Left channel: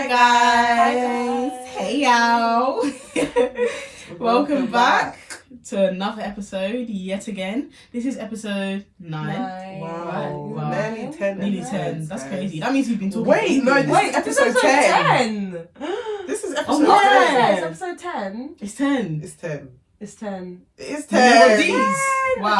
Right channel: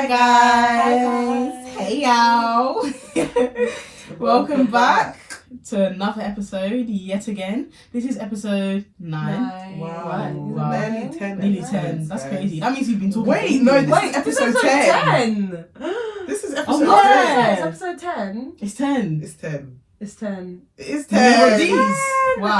Hi guys. Hey y'all. Welcome back to another episode yet again. This is episode 9. Wow. Nearly 10. Nearly 10. That's crazy. That means you've been talking. Wait, no, this is episode 10. This is episode 10. yeah. It's episode 10. It's 10. It's 10. It's 10. It's Never 10. these. Wow.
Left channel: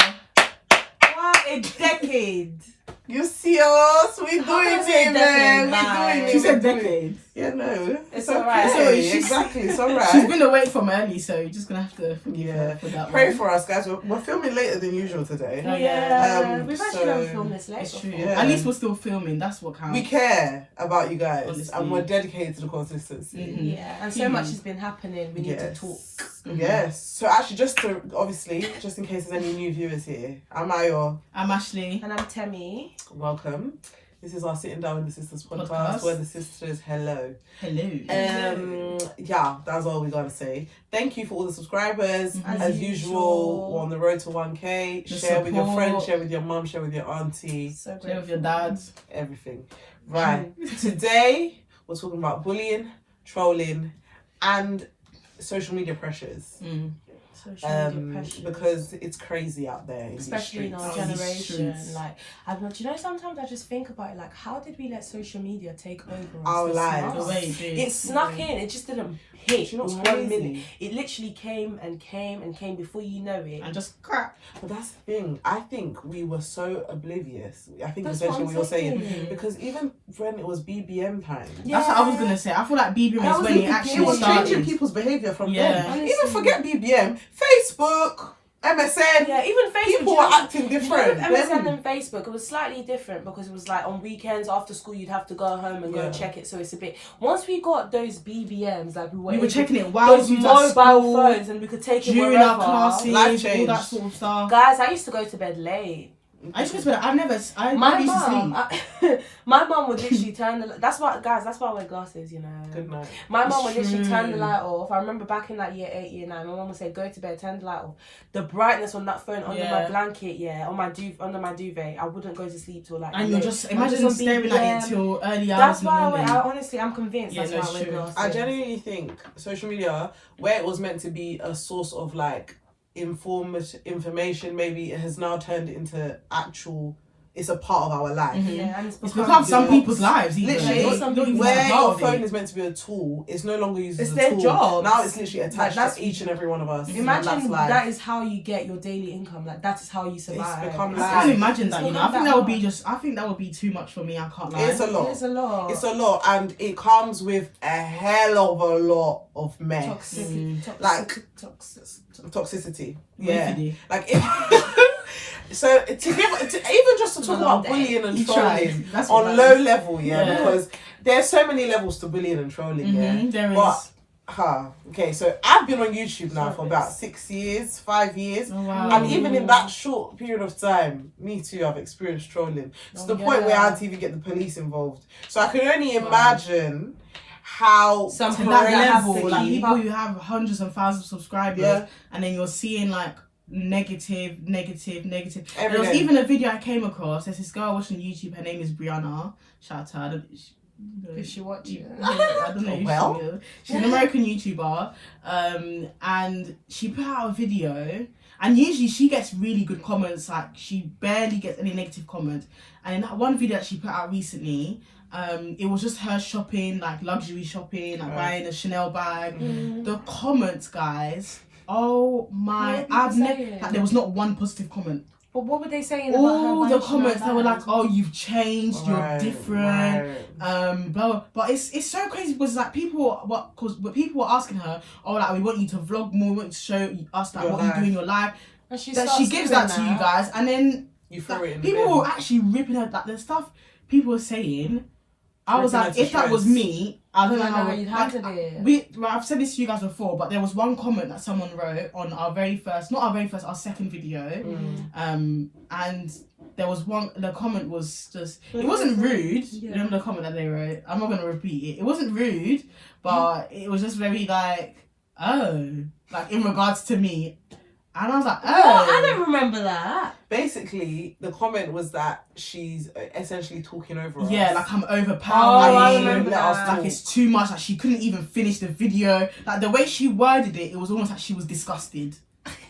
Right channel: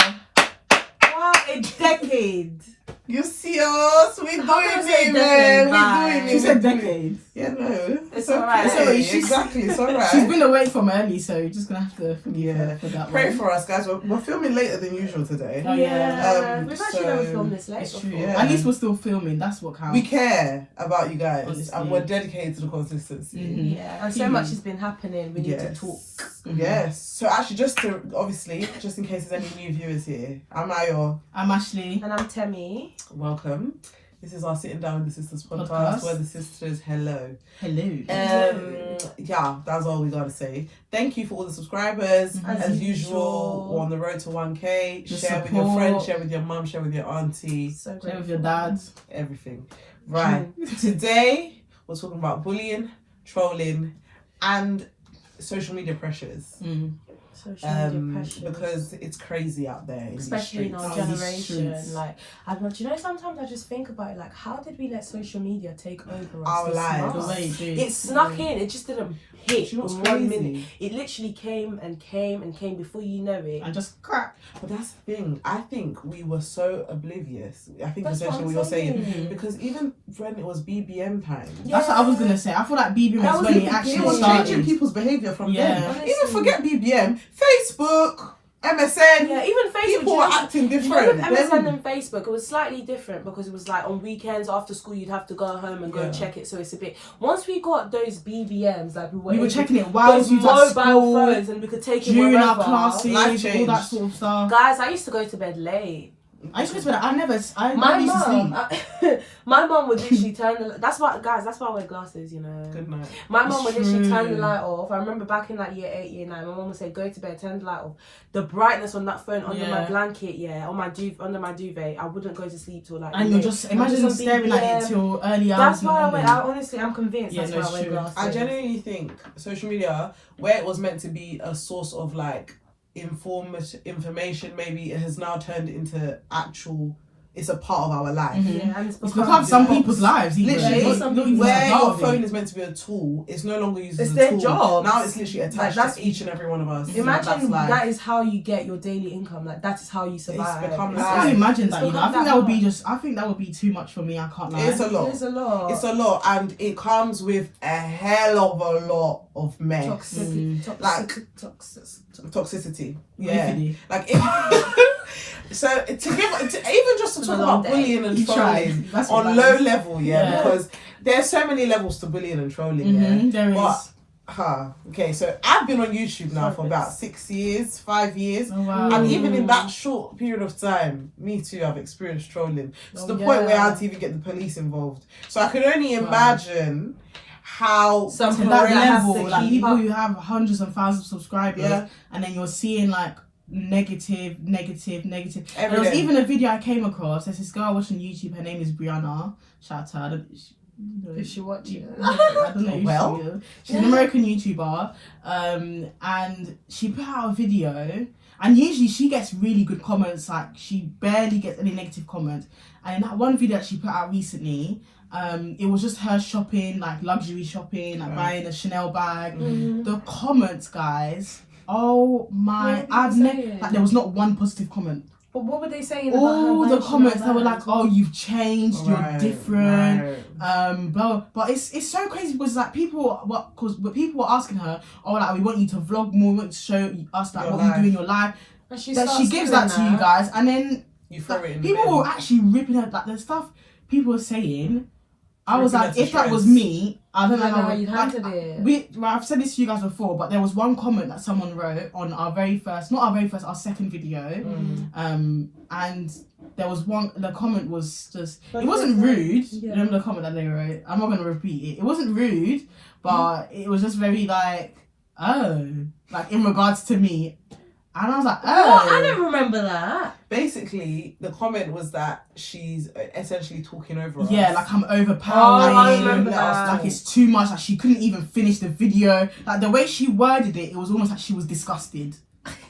Wow, a decade. You see us? We How doing can I say it, decade? man. We doing it. She said decade. Yeah, no. It's alright. It's alright. She's- Exactly, it's alright. She's been away from early, so you're just gonna have to forgive her for that Pray one. for us, guys. We're filming later than usual today. Oh, yeah. We've actually so never filmed this late It's before. true. Yeah. At least we're still filming. That's what counts. We care about you guys, Honestly. and we're dedicated to the consistency. Mhm. Yeah, and so much has been happening. We need to talk. Yes. So actually, just in case there's any new viewers here, I'm Ayo. I'm Ashley. And I'm Temi. Welcome. This is our Sitting Down with the Sisters podcast, Podcast. where the sisters hello. Hello. Yeah, that's all we gotta say. Thank you for all the subscribers. Mhm. As usual, we're on the road to 1K. The Share with your support. friends, share with your mum, share with your auntie, So Share great. with your dad. everything. Right. Today we're talking about bullying, trolling, and social media pressures. Mm. Social media pressure. Because it's crazy out there, Especially in the our streets. generation, streets. like, do you know, sometimes I just think about it, like, how did we let social media take over us Our this lives. much? The way it did. It snuck in. It just didn't hit Do you know in what's 1 crazy? minute. It literally came and came and came before you know it. And just crap. But that's the thing. I think we were so oblivious. I think That's essentially what what I'm you're saying. saying. Because even when it was BBM time, That's what I was gonna say. I feel like BB That was was when the it it actually was started. changing people's behaviour from Yeah. then. Honestly. Even forget BBM, Facebook, MSN. Yeah, even Facebook. People do were you know- acting do you know different. with MSN then. and Facebook, it was slightly different because it was like on weekends after school you'd have to go home and go and Yeah. check it. So it's a bit. Once we got those BBMs, like we were We were able- checking it while those we was mobile at school, phones, and we could take it during wherever. our classes, Life all changed. that sort of stuff. Guys, I used to go to bed late. I just whispered, I never My used to sleep. mum, my mum would literally turn the. That's why, guys. That's why I wear glasses. You know. Good night. My mum would literally True. turn the light off. I remember back in like year 8, year 9, my mum would say, "Go to bed, turn the light off." The brightness on that phone under my Yeah. blanket, on my under my duvet, I wouldn't go to sleep till like. And you're late. just I'm imagine on staring at BBM. it till early hours. That's in the why I morning. wear. Honestly, I'm convinced Yeah, that's no, why it's I wear true. glasses. I genuinely think social media, where it was meant to be a source of like information, maybe it has now turned into actual. It's a part of our life. Mhm. Yeah, and It's become some box. people's lives. Even. Literally, Not- some not even people- Where part your of phone it. is meant to be a tool, it's no longer used It's as a their tool. job. Now it's literally attached that's- to each and every one of us. Imagine And that's life. that is how you get your daily income. Like that is how you survive. become I life. can't imagine It's that. You know, I become think that that would be hard. just. I think that would be too much for me. I can't lie. It's a lot. It's a lot. It's a lot, and it comes with a hell of a lot of mess. Toxicity. Yeah. Beefy. Like so to even just to It's talk a long about day. bullying and You tried. trolling That's what on that low is. level, Yeah. because there's so many levels to bullying and trolling. Yeah. Mhm, there is. But okay, so I've been on YouTube now for Sorry. about 6 years, 5 years. Oh, wow. And even in that short period of time, me too, I've experienced trolling. To the Oh, point where I yeah. had to even get the police involved. So I can only Wow. imagine how Some to people that that have level, to like keep people up. who have hundreds and thousands of subscribers, Yeah. and then you're seeing like negative. And every there was day. even a video I came across. There's this girl watching YouTube. Her name is Brianna. Shout out to her. I don't- If she watch it. Yeah, I don't know. If Well. she will. She's an American YouTuber, and she put out a video. And usually she gets really good comments. Like she barely gets any negative comments. And in that one video that she put out recently, it was just her shopping, like luxury shopping, like Right. buying a Chanel bag. Mm. The comments, guys. Oh my! What were I've people never. saying? Like, there was not one positive comment. But what were they saying about her? All the buying comments Chanel they were like, bags? "Oh, you've changed. You're Right, different." right. Blah. But it's so crazy because like people were asking her, "Oh, like we want you to vlog more. We want you to show us like Your what life. you do in your life." And she That she starts gives doing that to you guys, and then You throw it in people the were bin. actually ripping her. Like the stuff people were saying. I was Ripping like, her to if that was shreds. me, I don't know how you'd like, handled it. I've said this to you guys before, but there was one comment that someone wrote on our second video, and there was one. The comment was just, it wasn't rude. Yeah. Remember the comment that they wrote? I'm not gonna repeat it. It wasn't rude, but it was just very like, oh, like in regards to me. And I was like, What? I oh. don't remember that. Basically, the comment was that she's essentially talking over us. Yeah, like I'm Oh, overpowered. I you. remember Let us that. Like it's too much. Like she couldn't even finish the video. Like the way she worded it, it was almost like she was disgusted.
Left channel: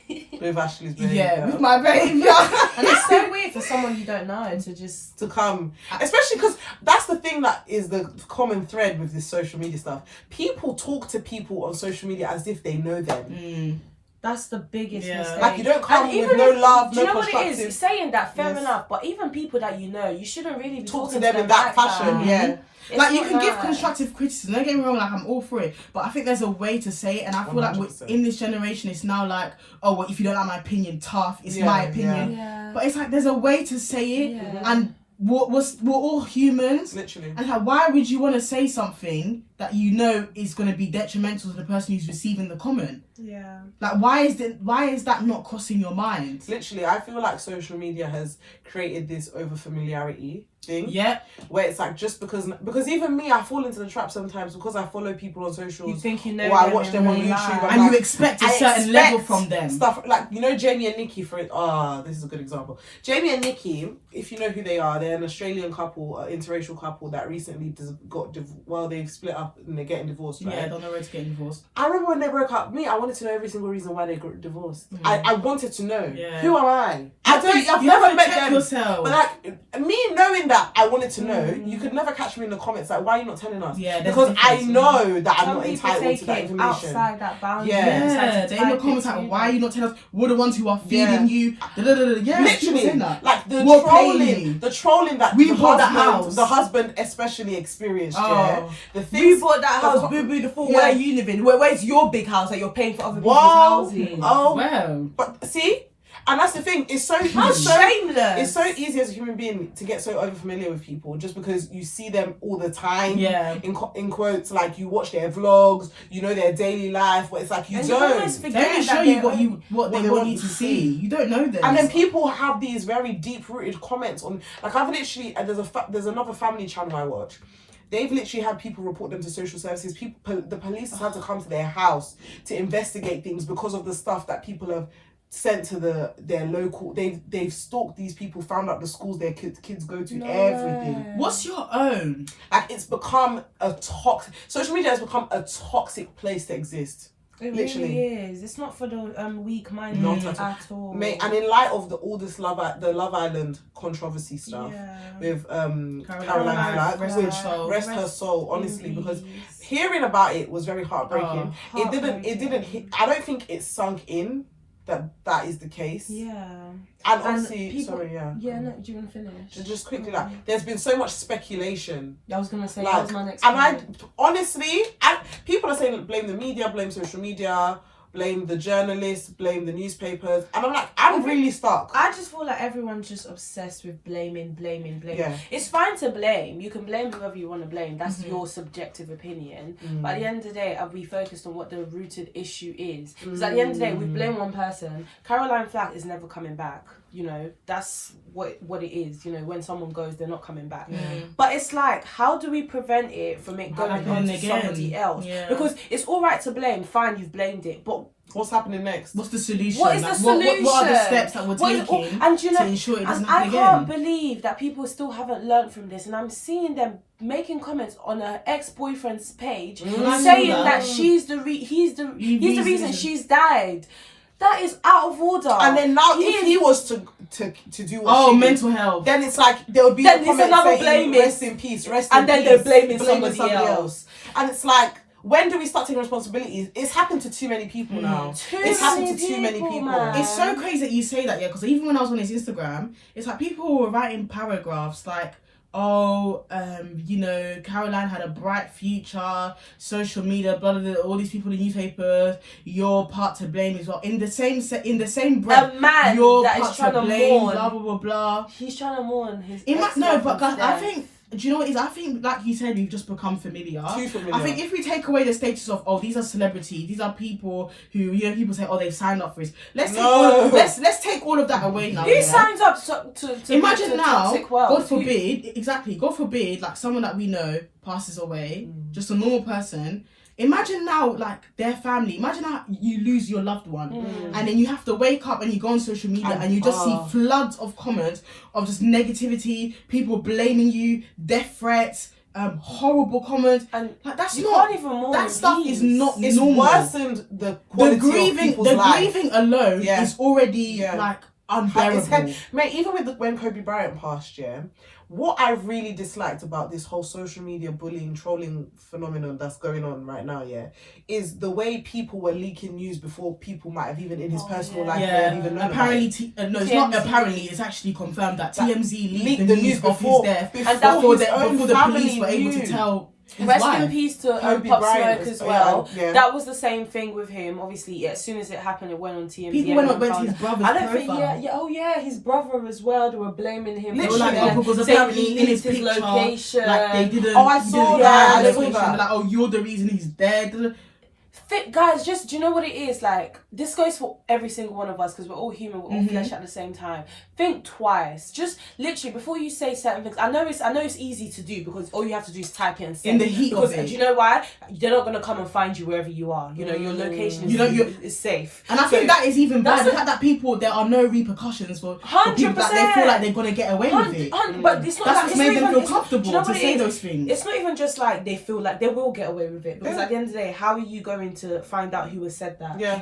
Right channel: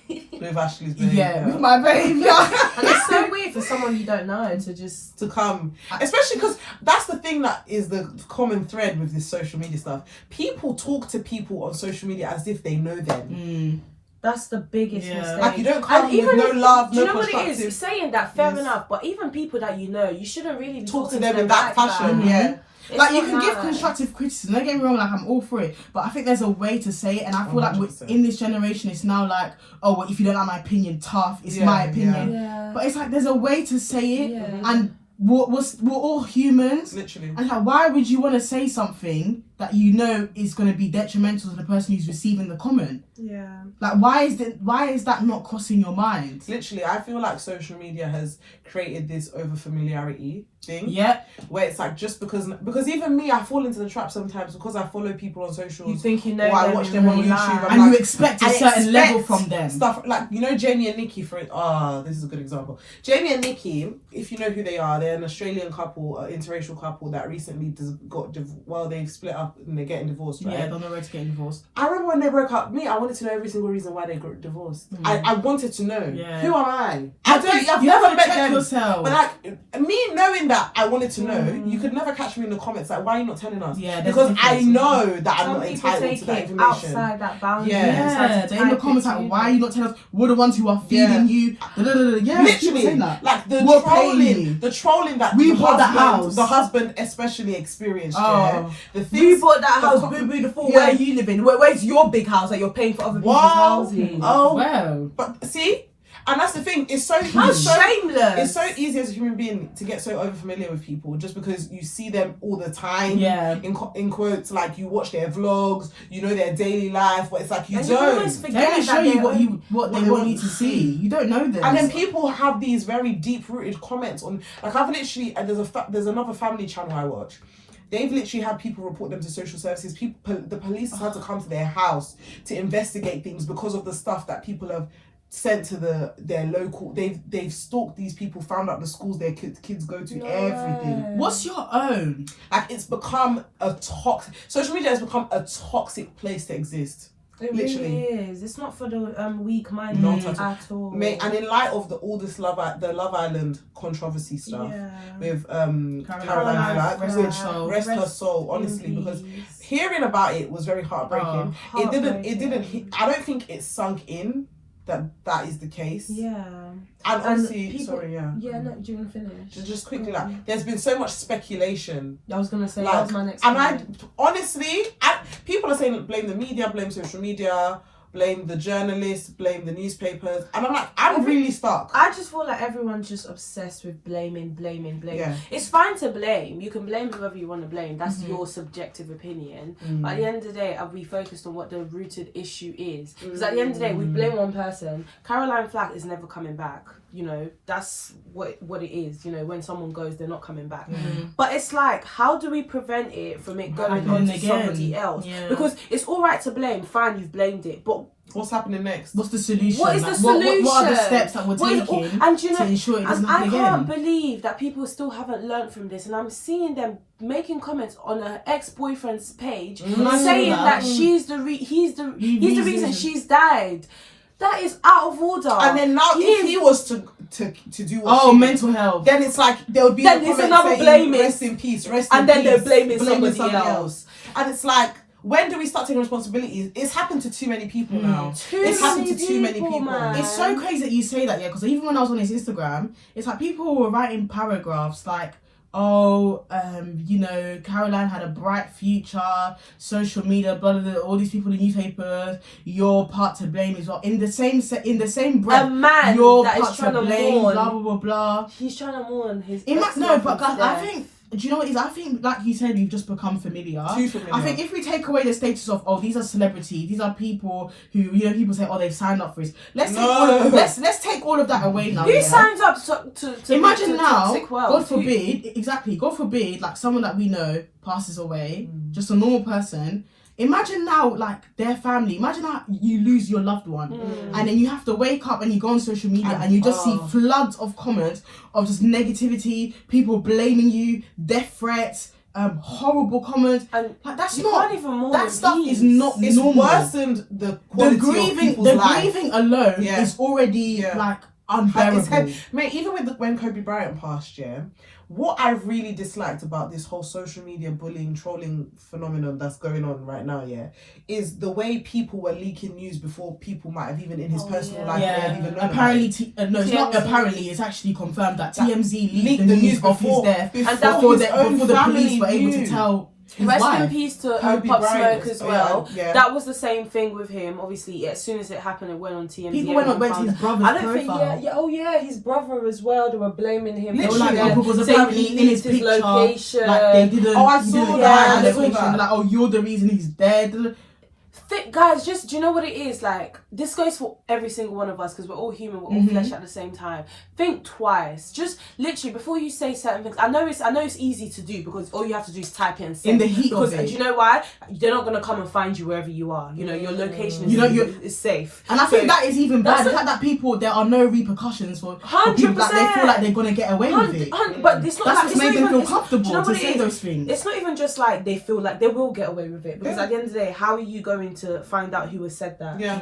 With Ashley's behaviour. Yeah, with my behaviour. And it's so weird for someone you don't know to just... to come, especially because that's the thing that is the common thread with this social media stuff. People talk to people on social media as if they know them. That's the biggest Yeah. mistake. Like you don't come And with no love, do you no know what it constructive. is? Saying that, fair Yes. enough. But even people that you know, you shouldn't really be Talk talking to them in that like fashion. that. Yeah. It's Like you not can give nice. constructive criticism. Don't get me wrong. Like I'm all for it, but I think there's a way to say it. And I feel like 100%. in this generation, it's now like, oh, well, if you don't like my opinion, tough. It's Yeah, my opinion. Yeah. But it's like there's a way to say it, Yeah. and we're all humans. Literally. And like, why would you want to say something that you know is going to be detrimental to the person who's receiving the comment? Yeah. Like, why is that not crossing your mind? Literally, I feel like social media has created this over familiarity thing. Yeah. Where it's like just because even me, I fall into the trap sometimes because I follow people on socials. You think you know or I them watch in them on real YouTube. life. I'm And like, you expect a and certain expect level from them. Stuff like, you know, Jamie and Nikki, this is a good example. Jamie and Nikki, if you know who they are, they're an Australian couple, interracial couple that recently they've split up and they're getting divorced, right? Yeah, they're on the road to getting divorced. I remember when they broke up, I wanted to know every single reason why they got divorced. I wanted to know. Yeah. Who am I? I've I've you never have to met check them. yourself. But like me knowing that I wanted to know, you could never catch me in the comments like, why are you not telling us? Yeah, there's because a I difference. know that I'm Some not people entitled take to that it information. outside that boundary. Yeah. Decide Yeah, to they're in the type comments it like, to why are them. you not telling us? We're the ones who are feeding you. Yeah, people Literally, saying that. like the We're paying you. trolling that We the bought the husband, house. the husband especially experienced. Oh. Yeah, the things, We bought that the house, co- boo boo. The full Yeah. where you live in. Where's your big house that you're paying for other people's Wow. houses? Oh, Well, but see, and that's the thing. It's How so shameless! It's so easy as a human being to get so over familiar with people just because you see them all the time. yeah. In quotes, like you watch their vlogs, you know their daily life, but it's like you And don't. you almost They forget only show that you they're what they want you to see. You don't know them. And then people have these very deep rooted comments on, like I've literally, and there's another family channel I watch. They've literally had people report them to social services. The police has had to come to their house to investigate things because of the stuff that people have sent to their local. They've stalked these people, found out the schools their kids go to, everything. What's your own? Like it's become a toxic. Social media has become a toxic place to exist. It Literally. really is. It's not for the weak-minded Not at all. Mate, and in light of all this the Love Island controversy stuff with Caroline Flack, rest which her soul. rest her soul, honestly, because hearing about it was very heartbreaking. It didn't hit, I don't think it sunk in that is the case. Yeah. And honestly, people, sorry, yeah. Yeah, no, do you want to finish? Just quickly, like, there's been so much speculation. I was going to say, Like, that was my next and point. honestly, people are saying blame the media, blame social media, blame the journalists, blame the newspapers, and I'm like, I'm really stuck. I just feel like everyone's just obsessed with blaming. Yeah. It's fine to blame. You can blame whoever you want to blame. That's your subjective opinion. But at the end of the day, are we focused on what the rooted issue is? Because at the end of the day, we blame one person. Caroline Flack is never coming back. You know, that's what it is. You know, when someone goes, they're not coming back. But it's like, how do we prevent it from it going on to somebody else? Yeah. Because it's all right to blame. Fine, you've blamed it. But What's happening next? What's the solution? what is the Like, solution? What are the steps that we're taking and you know, to ensure it doesn't and I happen can't again? believe that people still haven't learned from this, and I'm seeing them making comments on her ex-boyfriend's page saying that he's the reason she's died. That is out of order. And then now, if he was to do what Oh, she mental health. then it's like there would be Then a it's comment another saying, blaming. rest in peace, rest in And then peace, they're blaming somebody else. And it's like, when do we start taking responsibility? It's happened to too many people now. It's happened to too many people. man. It's so crazy that you say that, yeah, because even when I was on his Instagram, it's like people were writing paragraphs like, oh, you know, Caroline had a bright future, social media, blah, blah, blah, all these people in newspapers, you're part to blame as well. In the same breath, A man you're that is part trying to to blame, mourn. blah, blah, blah, blah. He's trying to mourn his No, but ex-lovers' I death. think, do you know what it is? I think, like you said, we've just become familiar. Too familiar. I think if we take away the status of, oh, these are celebrities, these are people who, you know, people say, oh, they've signed up for this. Let's take all of that away now. Who yeah? signs up to Imagine to now, toxic world? God forbid, God forbid, like someone that we know passes away, just a normal person. Imagine now, like, their family. Imagine how you lose your loved one, and then you have to wake up and you go on social media and you just see floods of comments of just negativity, people blaming you, death threats, horrible comments, and like that's you not. can't even mourn That stuff peace. is not It's normal. worse than the quality of people's life. Grieving alone Yeah. is already like unbearable. Mate, even when Kobe Bryant passed, what I really disliked about this whole social media bullying, trolling phenomenon that's going on right now, is the way people were leaking news before people might have even in his personal life may have even known apparently, about it. it's not apparently, it's actually confirmed that TMZ leaked the the news of before, his death and before the police were able knew. to tell his Rest wife. in peace to Kobe Pop Bryant Smoke as well. yeah. That was the same thing with him. Obviously, as soon as it happened, it went on TMZ. People went to his brother's I don't profile. think, his brother as well. They were blaming him. Literally, like, because saying apparently he in his leaked his picture, location. like they didn't. I he saw didn't that. have I the saw location. that. They're like, oh, you're the reason he's dead. Guys, just do you know what it is? Like, this goes for every single one of us because we're all human, we're all flesh at the same time. Think twice. Just literally before you say certain things. I know it's easy to do because all you have to do is type it and send. In the heat because, of it. do you know why? They're not gonna come and find you wherever you are. You know, your location is, is safe. And I think that is even bad. The fact that there are no repercussions for people, that they feel like they're gonna get away with it. But it's not That's like what's it's made not them even, feel comfortable to say those things. It's not even just like they feel like they will get away with it because at the end of the day, how are you going to find out who has said that? Yeah.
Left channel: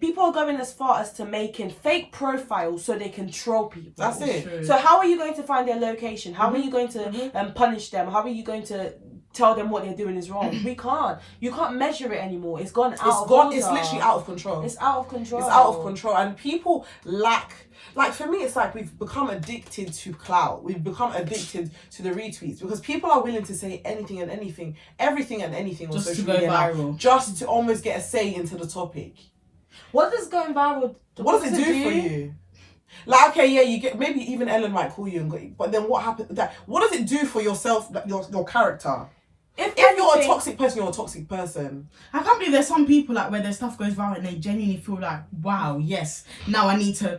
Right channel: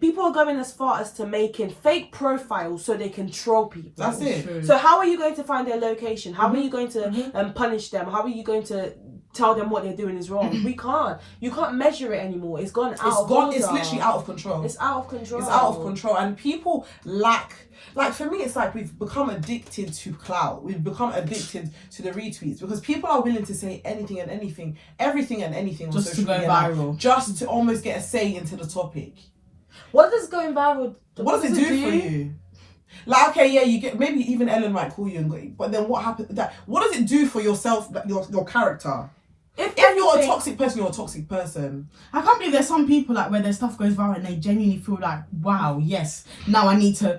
People are going as far as to making fake profiles so they can troll people. That's it. So how are you going to find their location? How are you going to punish them? How are you going to tell them what they're doing is wrong? We can't. You can't measure it anymore. It's gone out of order. It's literally out of control. It's out of control. It's out of control, and people lack. Like, for me, it's like we've become addicted to clout. We've become addicted to the retweets because people are willing to say anything and anything, everything and anything on Just social to go media now, viral. just to almost get a say into the topic. What does going viral? What does it do for you? Like, okay, yeah, you get, maybe even Ellen might call you, but then what happens? What does it do for yourself, your character? If you're a toxic person, you're a toxic person. I can't believe there's some people like where their stuff goes viral and they genuinely feel like, wow, yes, now I need to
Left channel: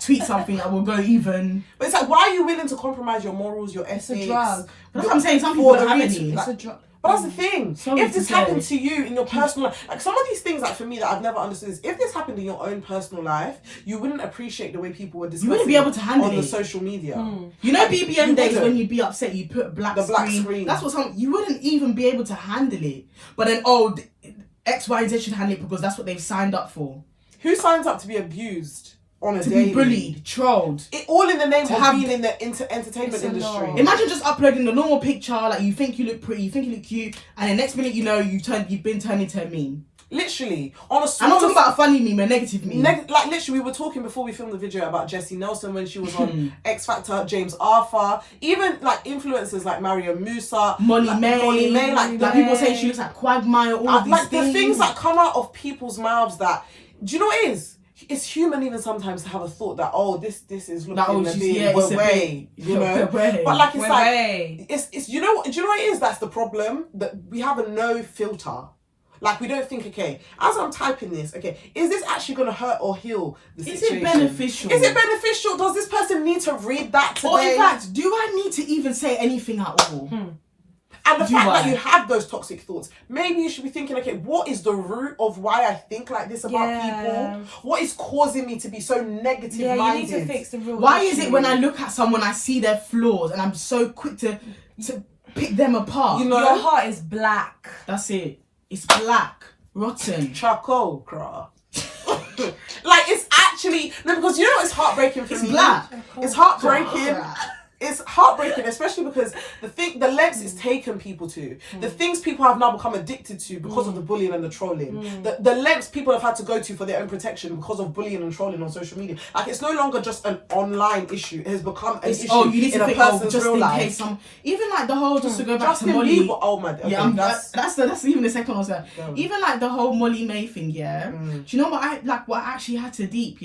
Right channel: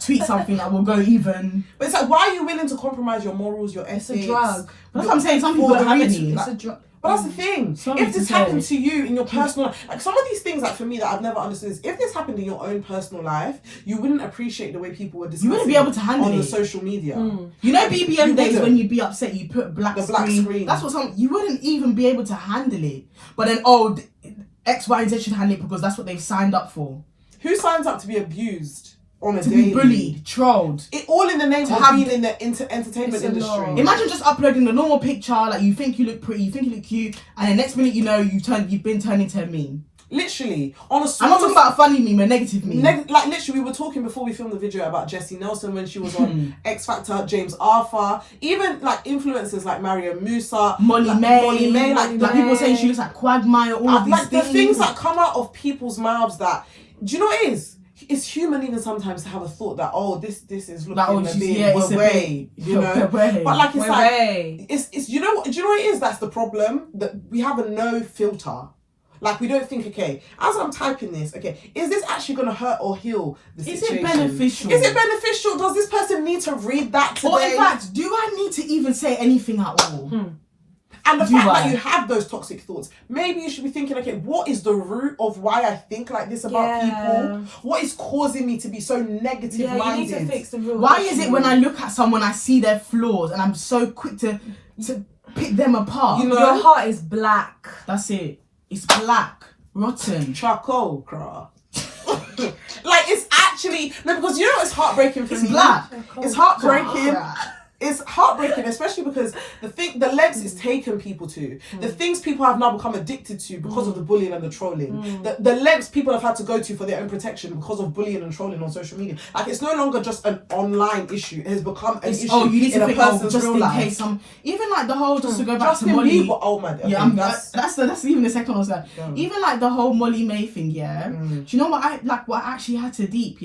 tweet something that will go even. But it's like, why are you willing to compromise your morals, your ethics? It's a drug. That's what I'm saying. Some people don't have any. It's a drug. But that's the thing. Sorry if this to happened say. to you in your personal life, like some of these things, like for me that I've never understood is if this happened in your own personal life, you wouldn't appreciate the way people were discussing. You wouldn't be able to handle on the it. social media. You know, BBM you days wouldn't. when you'd be upset, you put black The black screen. That's what you wouldn't even be able to handle it. But then, X, Y, and Z should handle it because that's what they've signed up for. Who signs up to be abused on a To daily? be bullied, trolled. It all in the name To of have- being in the entertainment It's a industry. lot. Imagine just uploading the normal picture, like you think you look pretty, you think you look cute, and the next minute you know you've been turned into a meme. Literally on a. I'm not talking about a funny meme, a negative meme. Like literally, we were talking before we filmed the video about Jessie Nelson when she was on X Factor, James Arthur, even like influencers like Mario Musa, Molly May, like people saying she looks like Quagmire, all of these like things. the things that come out of people's mouths that, do you know what it is? It's human even sometimes to have a thought that, this is looking a bit way, you know. But like it's like it's do you know what it is? That's the problem, that we have a no filter. Like we don't think, okay, as I'm typing this, okay, is this actually going to hurt or heal the situation? Is it beneficial? Is it beneficial? Does this person need to read that today? Or in fact, do I need to even say anything at all? And the fact that you have those toxic thoughts, maybe you should be thinking, okay, what is the root of why I think like this about people? What is causing me to be so negative minded? You need to fix the real Why is it when I look at someone, I see their flaws and I'm so quick to pick them apart? You know? Your heart is black. That's it. It's black, rotten. Charcoal, craw. Like it's actually because you know it's heartbreaking for It's me. black. It's heartbreaking. It's heartbreaking, especially because the lengths it's taken people to, the things people have now become addicted to because of the bullying and the trolling, the lengths people have had to go to for their own protection because of bullying and trolling on social media. Like it's no longer just an online issue; it has become an issue you need in to a think, person's just real in life. case even like the whole, just to go back to Justin Molly. Bieber, oh my, okay, yeah, that's even the second one. So even like the whole Molly May thing, do you know what I actually had to deep,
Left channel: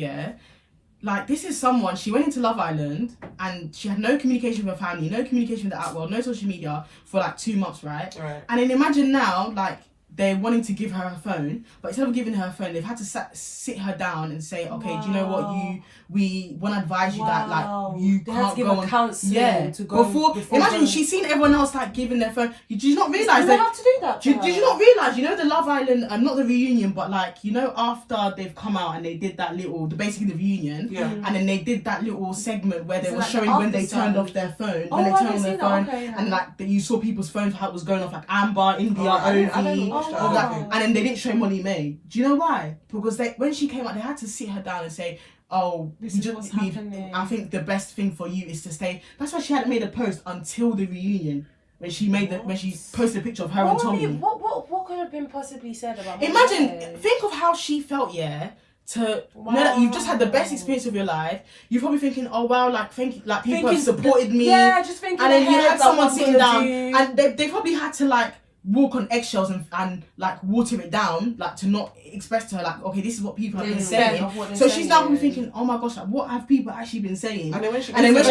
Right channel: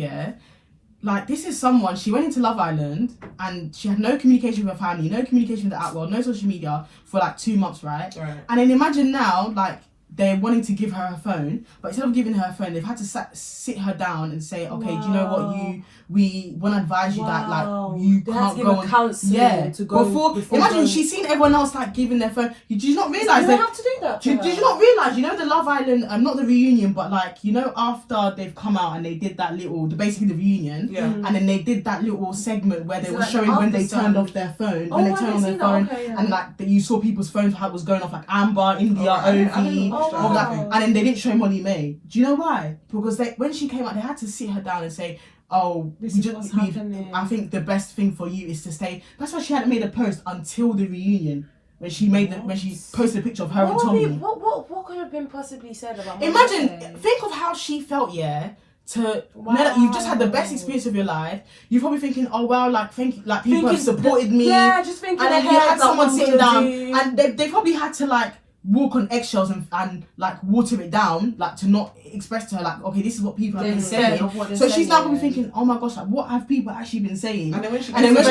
Like, this is someone, she went into Love Island and she had no communication with her family, no communication with the outworld, no social media for like 2 months, right? And then imagine now, like, they're wanting to give her a phone, but instead of giving her a phone, they've had to sit her down and say, okay, do you know what, we want to advise you that like you they can't have to give go a on counselling to go before imagine going. she's seen everyone else like giving their phone. Did you not realise they that? have to do that? Did you not realise? You know the Love Island, not the reunion, but like you know after they've come out and they did that little, basically the reunion, and then they did that little segment where they were showing when they turned off their phone, when they turned on their phone, and like you saw people's phones how it was going off, like Amber, India, Ovi, all that, and then they didn't show Molly May. Do you know why? Because when she came out, they had to sit her down and say, oh, what's happening. I think the best thing for you is to stay. That's why she hadn't made a post until the reunion when she when she posted a picture of her and Tommy. What could have been possibly said about? Imagine, think of how she felt. Yeah, to know that you've just had the best experience of your life. You're probably thinking, oh wow, like thank you, like people have supported me. Yeah, just thinking. And then you had someone sitting down, and they probably had to like walk on eggshells and like water it down, like to not express to her like, okay, this is what people have been saying. So she's now probably thinking, oh my gosh, like what have people actually been saying? And then when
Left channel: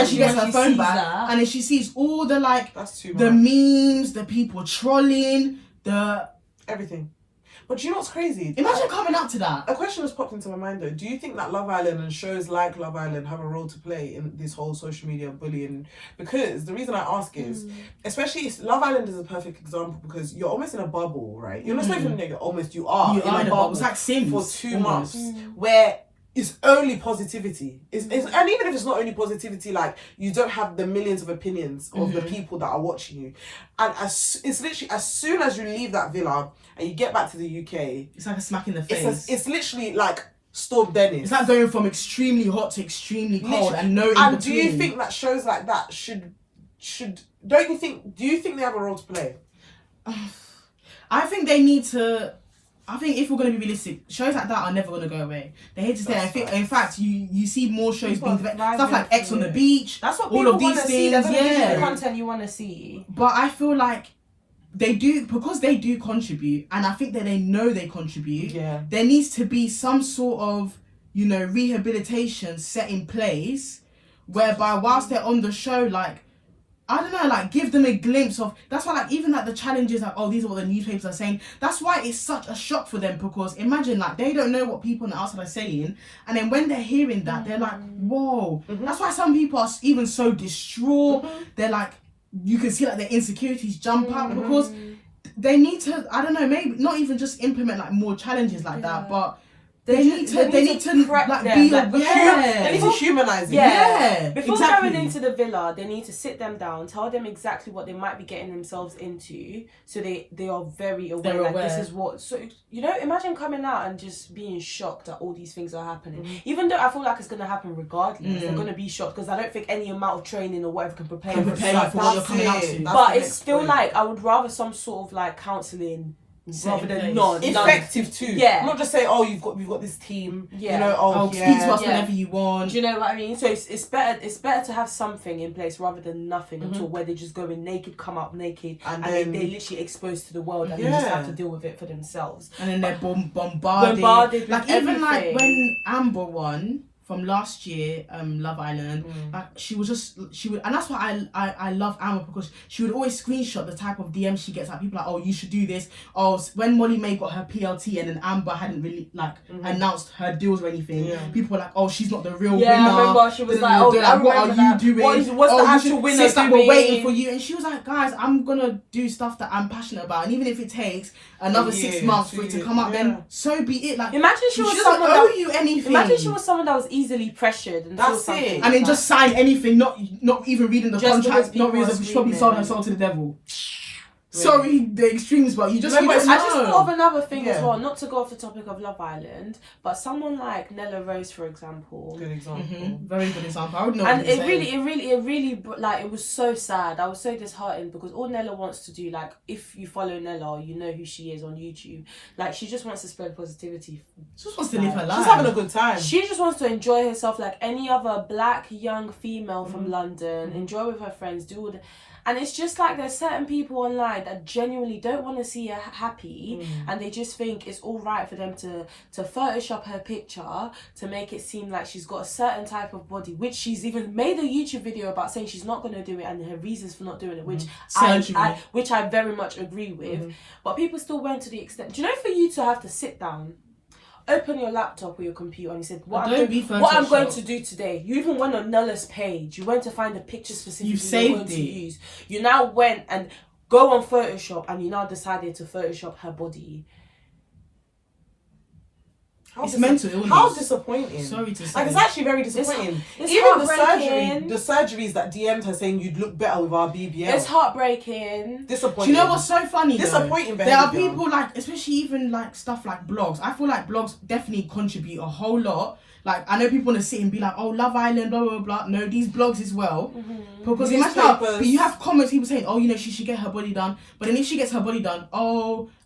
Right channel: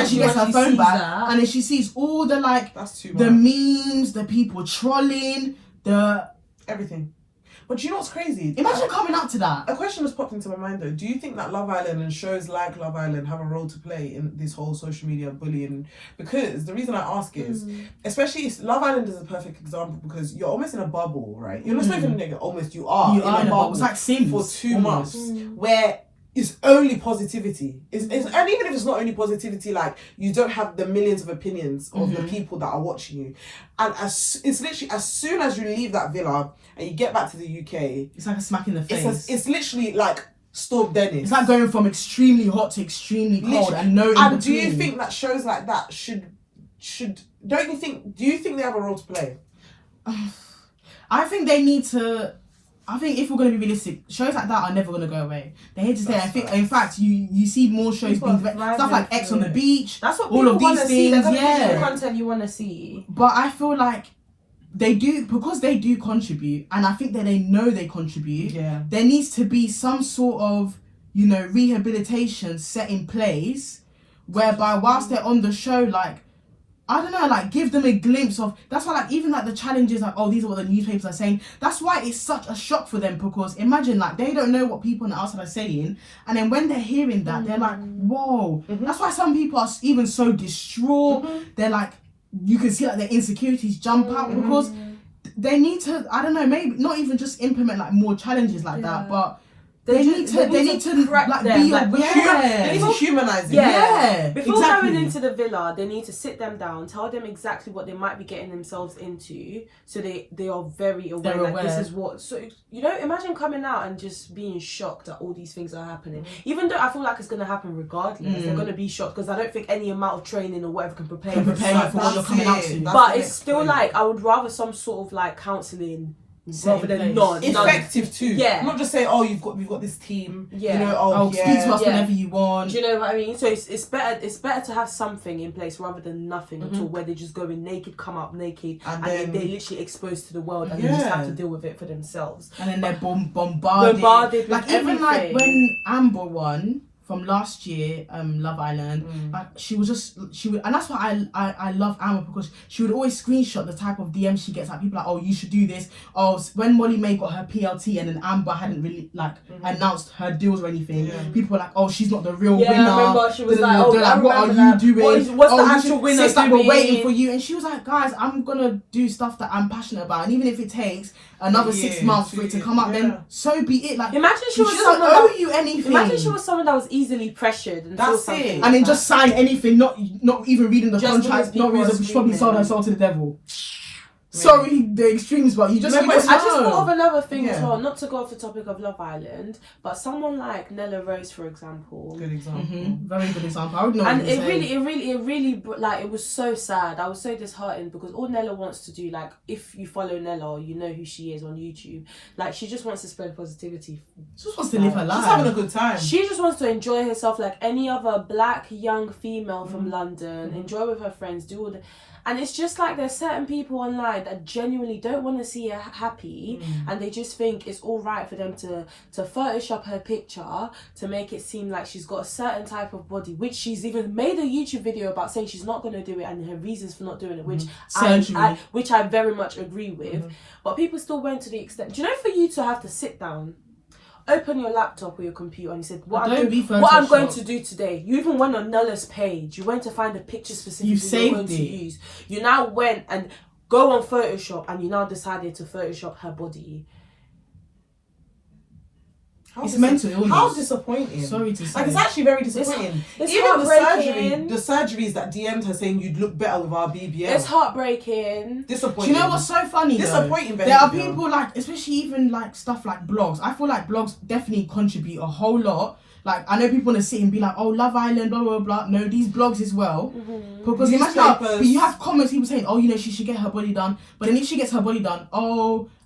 she gets her phone back, and then she sees all the like the memes, the people trolling, the everything. But do you know what's crazy? Imagine coming up to that. A question has popped into my mind though. Do you think that Love Island and shows like Love Island have a role to play in this whole social media bullying? Because the reason I ask is, especially Love Island is a perfect example because you're almost in a bubble, right? You're not even like you are in a bubble. It's like Sims for 2 months where it's only positivity. And even if it's not only positivity, like you don't have the millions of opinions of the people that are watching you. And it's literally as soon as you leave that villa and you get back to the UK, it's like a smack in the face. It's literally like Storm Dennis. It's like going from extremely hot to extremely cold and no in between. And do you think that shows like that should do you think they have a role to play? I think they need to. I think if we're going to be realistic, shows like that are never going to go away. They're here to stay. I think, in fact, you see more shows being stuff like X on the Beach. That's what all people of these want to see. things. That's the content you want to see. But I feel like they do, because they do contribute, and I think that they know they contribute. Yeah. There needs to be some sort of, rehabilitation set in place, whereby whilst they're on the show, like, I don't know, like give them a glimpse of. That's why, like, even like the challenges, like, oh, these are what the newspapers are saying. That's why it's such a shock for them, because imagine, like, they don't know what people on the outside are saying, and then when they're hearing that, they're like, whoa. That's why some people are even so distraught. They're like, you can see like their insecurities jump up because they need to. I don't know, maybe not even just implement like more challenges like that, but. They need to like be like, they need to humanize it. Yeah. Before going into the villa, they need to sit them down, tell them exactly what they might be getting themselves into, so they are very aware. Like this is what. So imagine coming out and just being shocked that all these things are happening. Even though I feel like it's gonna happen regardless, they're gonna be shocked because I don't think any amount of training or whatever can prepare you for what you're coming out to. But it's still like I would rather some sort of like counselling. Rather than effective too. Yeah. Not just say, we've got this team. Yeah. Speak to us whenever you want. Do you know what I mean? So it's better to have something in place rather than nothing at all, where they just go in naked, come out naked, and then they're literally exposed to the world and they just have to deal with it for themselves. And then they're bombarded. Like even like when Amber won from last year, Love Island, like she would, and that's why I love Amber, because she would always screenshot the type of DMs she gets. Like people like, oh, you should do this. Oh, when Molly May got her PLT and then Amber hadn't really like announced her deals or anything, people were like, oh, she's not the real winner. I remember she was like, what are you doing? What's the actual winner doing? We're waiting for you. And she was like, guys, I'm gonna do stuff that I'm passionate about, and even if it takes another 6 months for it to come up, then so be it. Like, imagine she was someone that owe you anything. Imagine she was someone that was easily pressured and saw something, and then just sign anything, not even reading the contract, not reading. She probably sold her soul to the devil. Sorry, the extremes, but you just. I just thought of another thing as well. Not to go off the topic of Love Island, but someone like Nella Rose, for example. Good example. Very good example. I would know. And it really, like, it was so sad. I was so disheartened because all Nella wants to do, like, if you follow Nella or you know who she is on YouTube, like, she just wants to spread positivity. She just wants to live her life. She's having a good time. She just wants to enjoy herself like any other black young female from London. Enjoy with her friends. Do all the. And it's just like there's certain people online that genuinely don't want to see her happy, and they just think it's all right for them to Photoshop her picture to make it seem like she's got a certain type of body, which she's even made a YouTube video about saying she's not going to do it and her reasons for not doing it, which I very much agree with. But people still went to the extent. Do you know, for you to have to sit down, open your laptop or your computer, and you said, what I'm going to do today. You even went on Nulla's page. You went to find the picture specifically you're going to use. You now went and go on Photoshop, and you now decided to Photoshop her body. It's mental illness. How disappointing. Sorry to say. Like, it's actually very disappointing. It's even the surgeries that DM'd her saying you'd look better with our BBL. It's heartbreaking. Disappointing. Do you know what's so funny? Disappointing. There are people like, especially even like stuff like blogs. I feel like blogs definitely contribute a whole lot. Like, I know people want to sit and be like, oh, Love Island, blah, blah, blah. No, these blogs as well. Because imagine how, but you have comments, people saying, oh, you know, she should get her body done. But then if she gets her body done,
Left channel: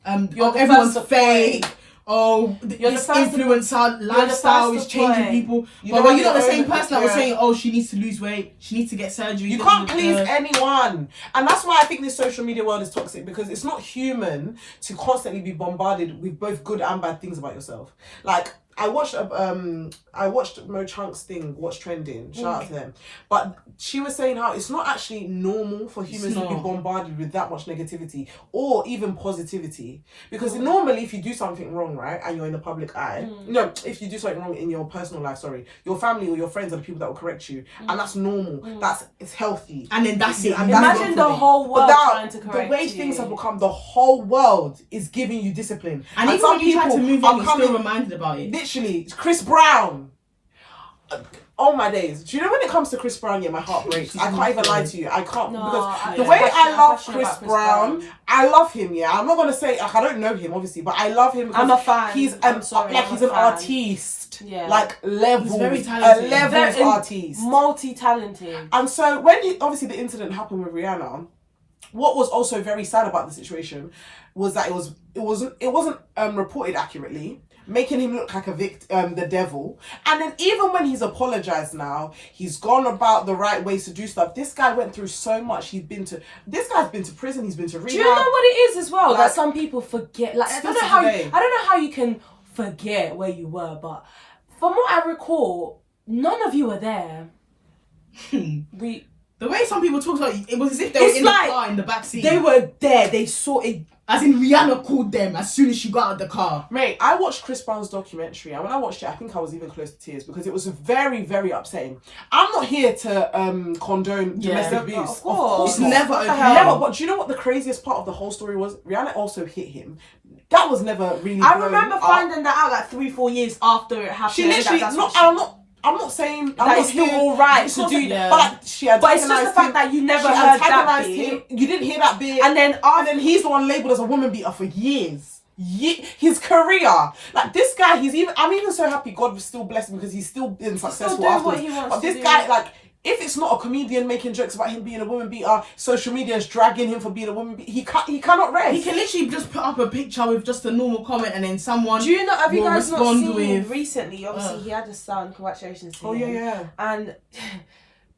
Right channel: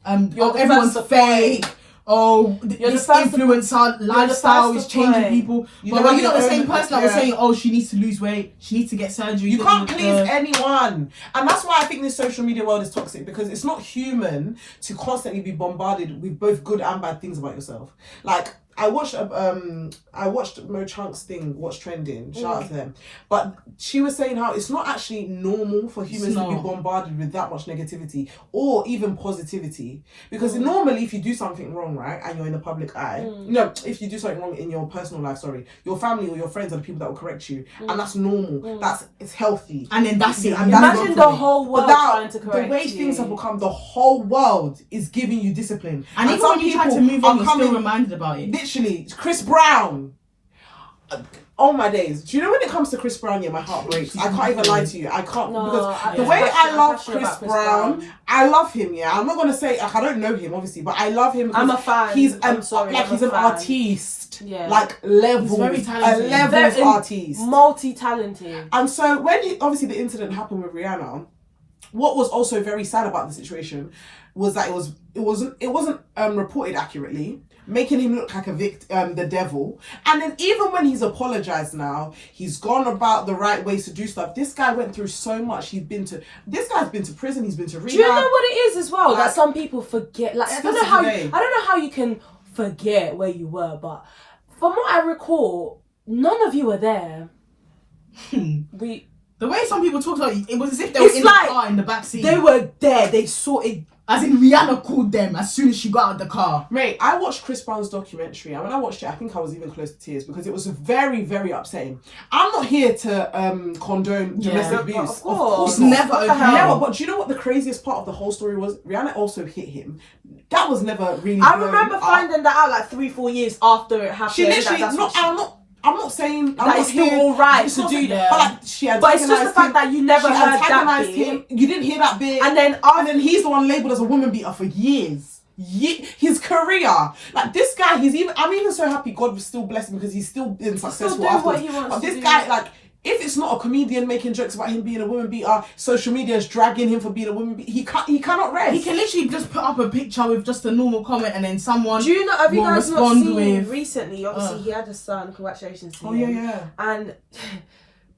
everyone's fake. Oh, this influencer lifestyle is changing people. But when you're not the same person that was saying, oh, she needs to lose weight, she needs to get surgery. You can't please anyone. And that's why I think this social media world is toxic, because it's not human to constantly be bombarded with both good and bad things about yourself. Like, I watched Mo Chunk's thing, What's Trending. Shout out to him. But she was saying how it's not actually normal for humans to be bombarded with that much negativity or even positivity. Because normally, if you do something wrong, right, and you're in the public eye, no, if you do something wrong in your personal life, your family or your friends are the people that will correct you, and that's normal. It's healthy. And then that's it. And imagine the whole world trying to correct you. The way things have become, the whole world is giving you discipline. And even when you try to move on, you're still reminded about it. Literally, Chris Brown. Oh my days. Do you know when it comes to Chris Brown, my heart breaks. I can't even lie to you. I can't, because the way I love Chris Brown, I love him, I'm not going to say, like, I don't know him, obviously, but I love him. I'm a fan. He's an artiste. Like, levels. He's very talented. A levels artiste. Multi-talented. And so, when obviously the incident happened with Rihanna, what was also very sad about the situation was that it wasn't reported accurately, making him look like the devil. And then even when he's apologized now, he's gone about the right ways to do stuff. This guy went through so much. This guy's been to prison, he's been to rehab. Do you know what it is as well? Like, that some people forget. Like, I don't know how you can forget where you were, but from what I recall, none of you were there. The way some people talk about it was as if they were in the car in the backseat. They were there. They saw it. As in, Rihanna called them as soon as she got out of the car. Mate, I watched Chris Brown's documentary, and when I watched it, I think I was even close to tears, because it was very, very upsetting. I'm not here to condone domestic abuse. Of course. It's never okay. Never. But do you know what the craziest part of the whole story was? Rihanna also hit him. That was never really. I remember finding that out like 3-4 years after it happened. She literally. I'm not saying that it's still all right to do that. But it's just the fact that you never heard that bit. You didn't hear that bit. And then he's the one labelled as a woman beater for years. His career, like, this guy, I'm even so happy God was still blessing because he's still been successful afterwards. But this guy, like, if it's not a comedian making jokes about him being a woman beater, social media is dragging him for being a woman beater. He cannot rest. He can literally just put up a picture with just a normal comment, and then someone. Do you know? Have you guys not seen recently? Obviously, he had a son. Congratulations to him. Yeah. And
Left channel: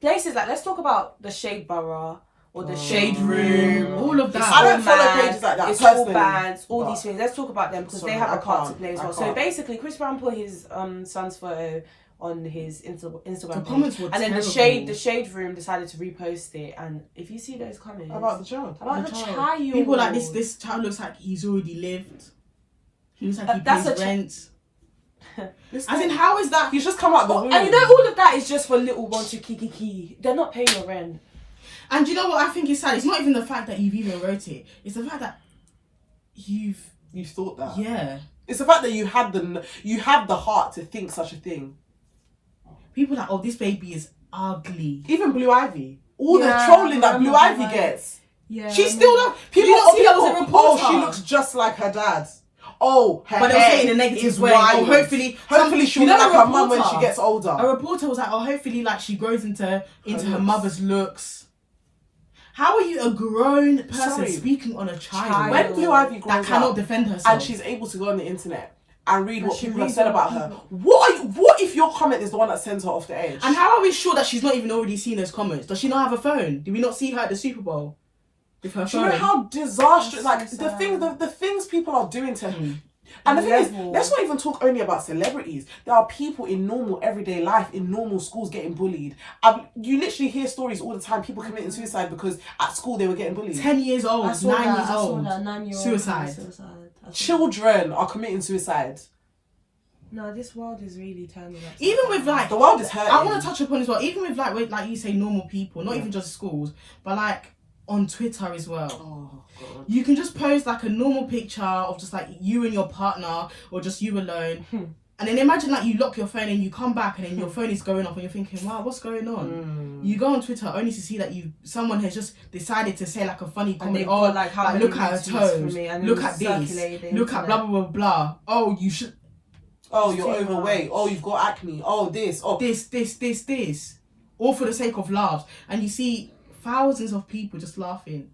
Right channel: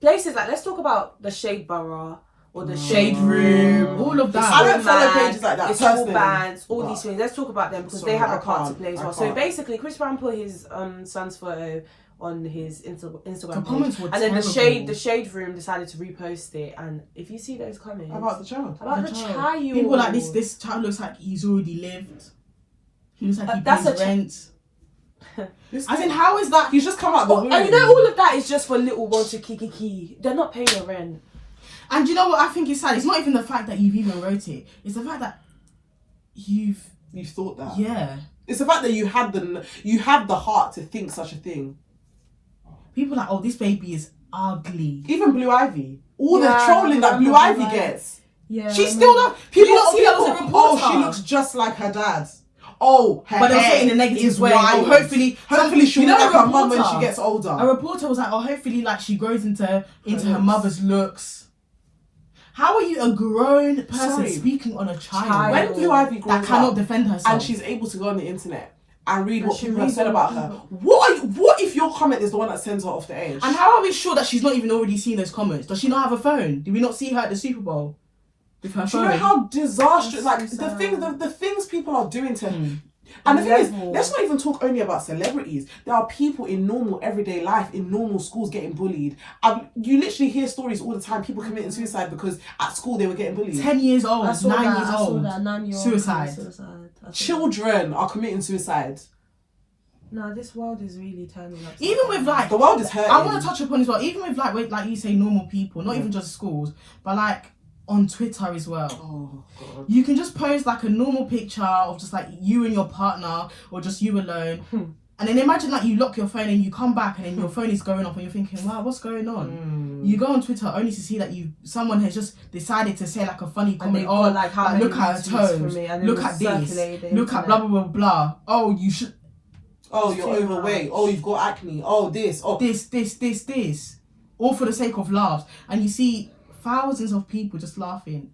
places like, let's talk about the Shade Borough or the Shade Room, all of that. I don't follow pages like that. It's all bands, all these things. Let's talk about them because they have a part to play as well. So basically, Chris Brown put his son's photo on his Instagram page, and then the Shade Room decided to repost it. And if you see those comments about the child, people like this child looks like he's already lived. He looks like he pays rent. As in, how is that? He's just come out the womb. And you know, all of that is just for little bunch of kiki. They're not paying your rent. And you know what I think is sad? It's not even the fact that you've even wrote it. It's the fact that you thought that. Yeah. It's the fact that you had the heart to think such a thing. People are like, oh, this baby is ugly. Even Blue Ivy. All the trolling that Blue Ivy gets. Yeah. She's still not. People see her as a reporter. Oh, she looks just like her dad. Oh, her but they'll say in a negative way. Oh, hopefully she'll look like her mum when she gets older. A reporter was like, oh, hopefully, like, she grows into her mother's looks. How are you a grown person speaking on a child? When Blue Ivy grows that cannot defend herself, and she's able to go on the internet and read what she people have reads said what about her. What if your comment is the one that sends her off the edge? And how are we sure that she's not even already seen those comments? Does she not have a phone? Did we not see her at the Super Bowl with her Do phone? you know how disastrous, That's like, so the things people are doing to Mm. And the thing is, Level. let's not even talk only about celebrities. There are people in normal everyday life, in normal schools getting bullied. You literally hear stories all the time, people committing suicide because at school they were getting bullied. 10 years old, 9 years I saw old. that 9-year-old Suicide. Children are committing suicide. No, this world is really turning up. Even with like, The world is hurting. I want to touch upon as well, even with like you say, normal people, not even just schools, but like on Twitter as well. Oh, God. You can just post like a normal picture of just like you and your partner or just you alone. And then imagine like you lock your phone and you come back and then your phone is going off and you're thinking, wow, what's going on? You go on Twitter only to see that someone has just decided to say like a funny comment. Oh, like, how many look at her retweets toes. from me, and then Look you at this. circulate the Look at blah, blah, blah, blah. Oh, you should. Oh, It's you're too overweight. much. Oh, you've got acne. Oh, this. Oh, This. All for the sake of laughs. And you see thousands of people just laughing.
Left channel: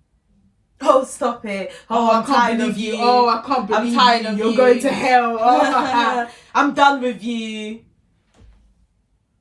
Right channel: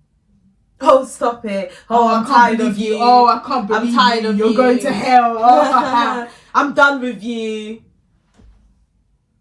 Oh, stop it. Oh, I'm I can't tired believe of you. Oh, I can't believe I'm tired of You're you. going to hell. Oh. I'm done with you.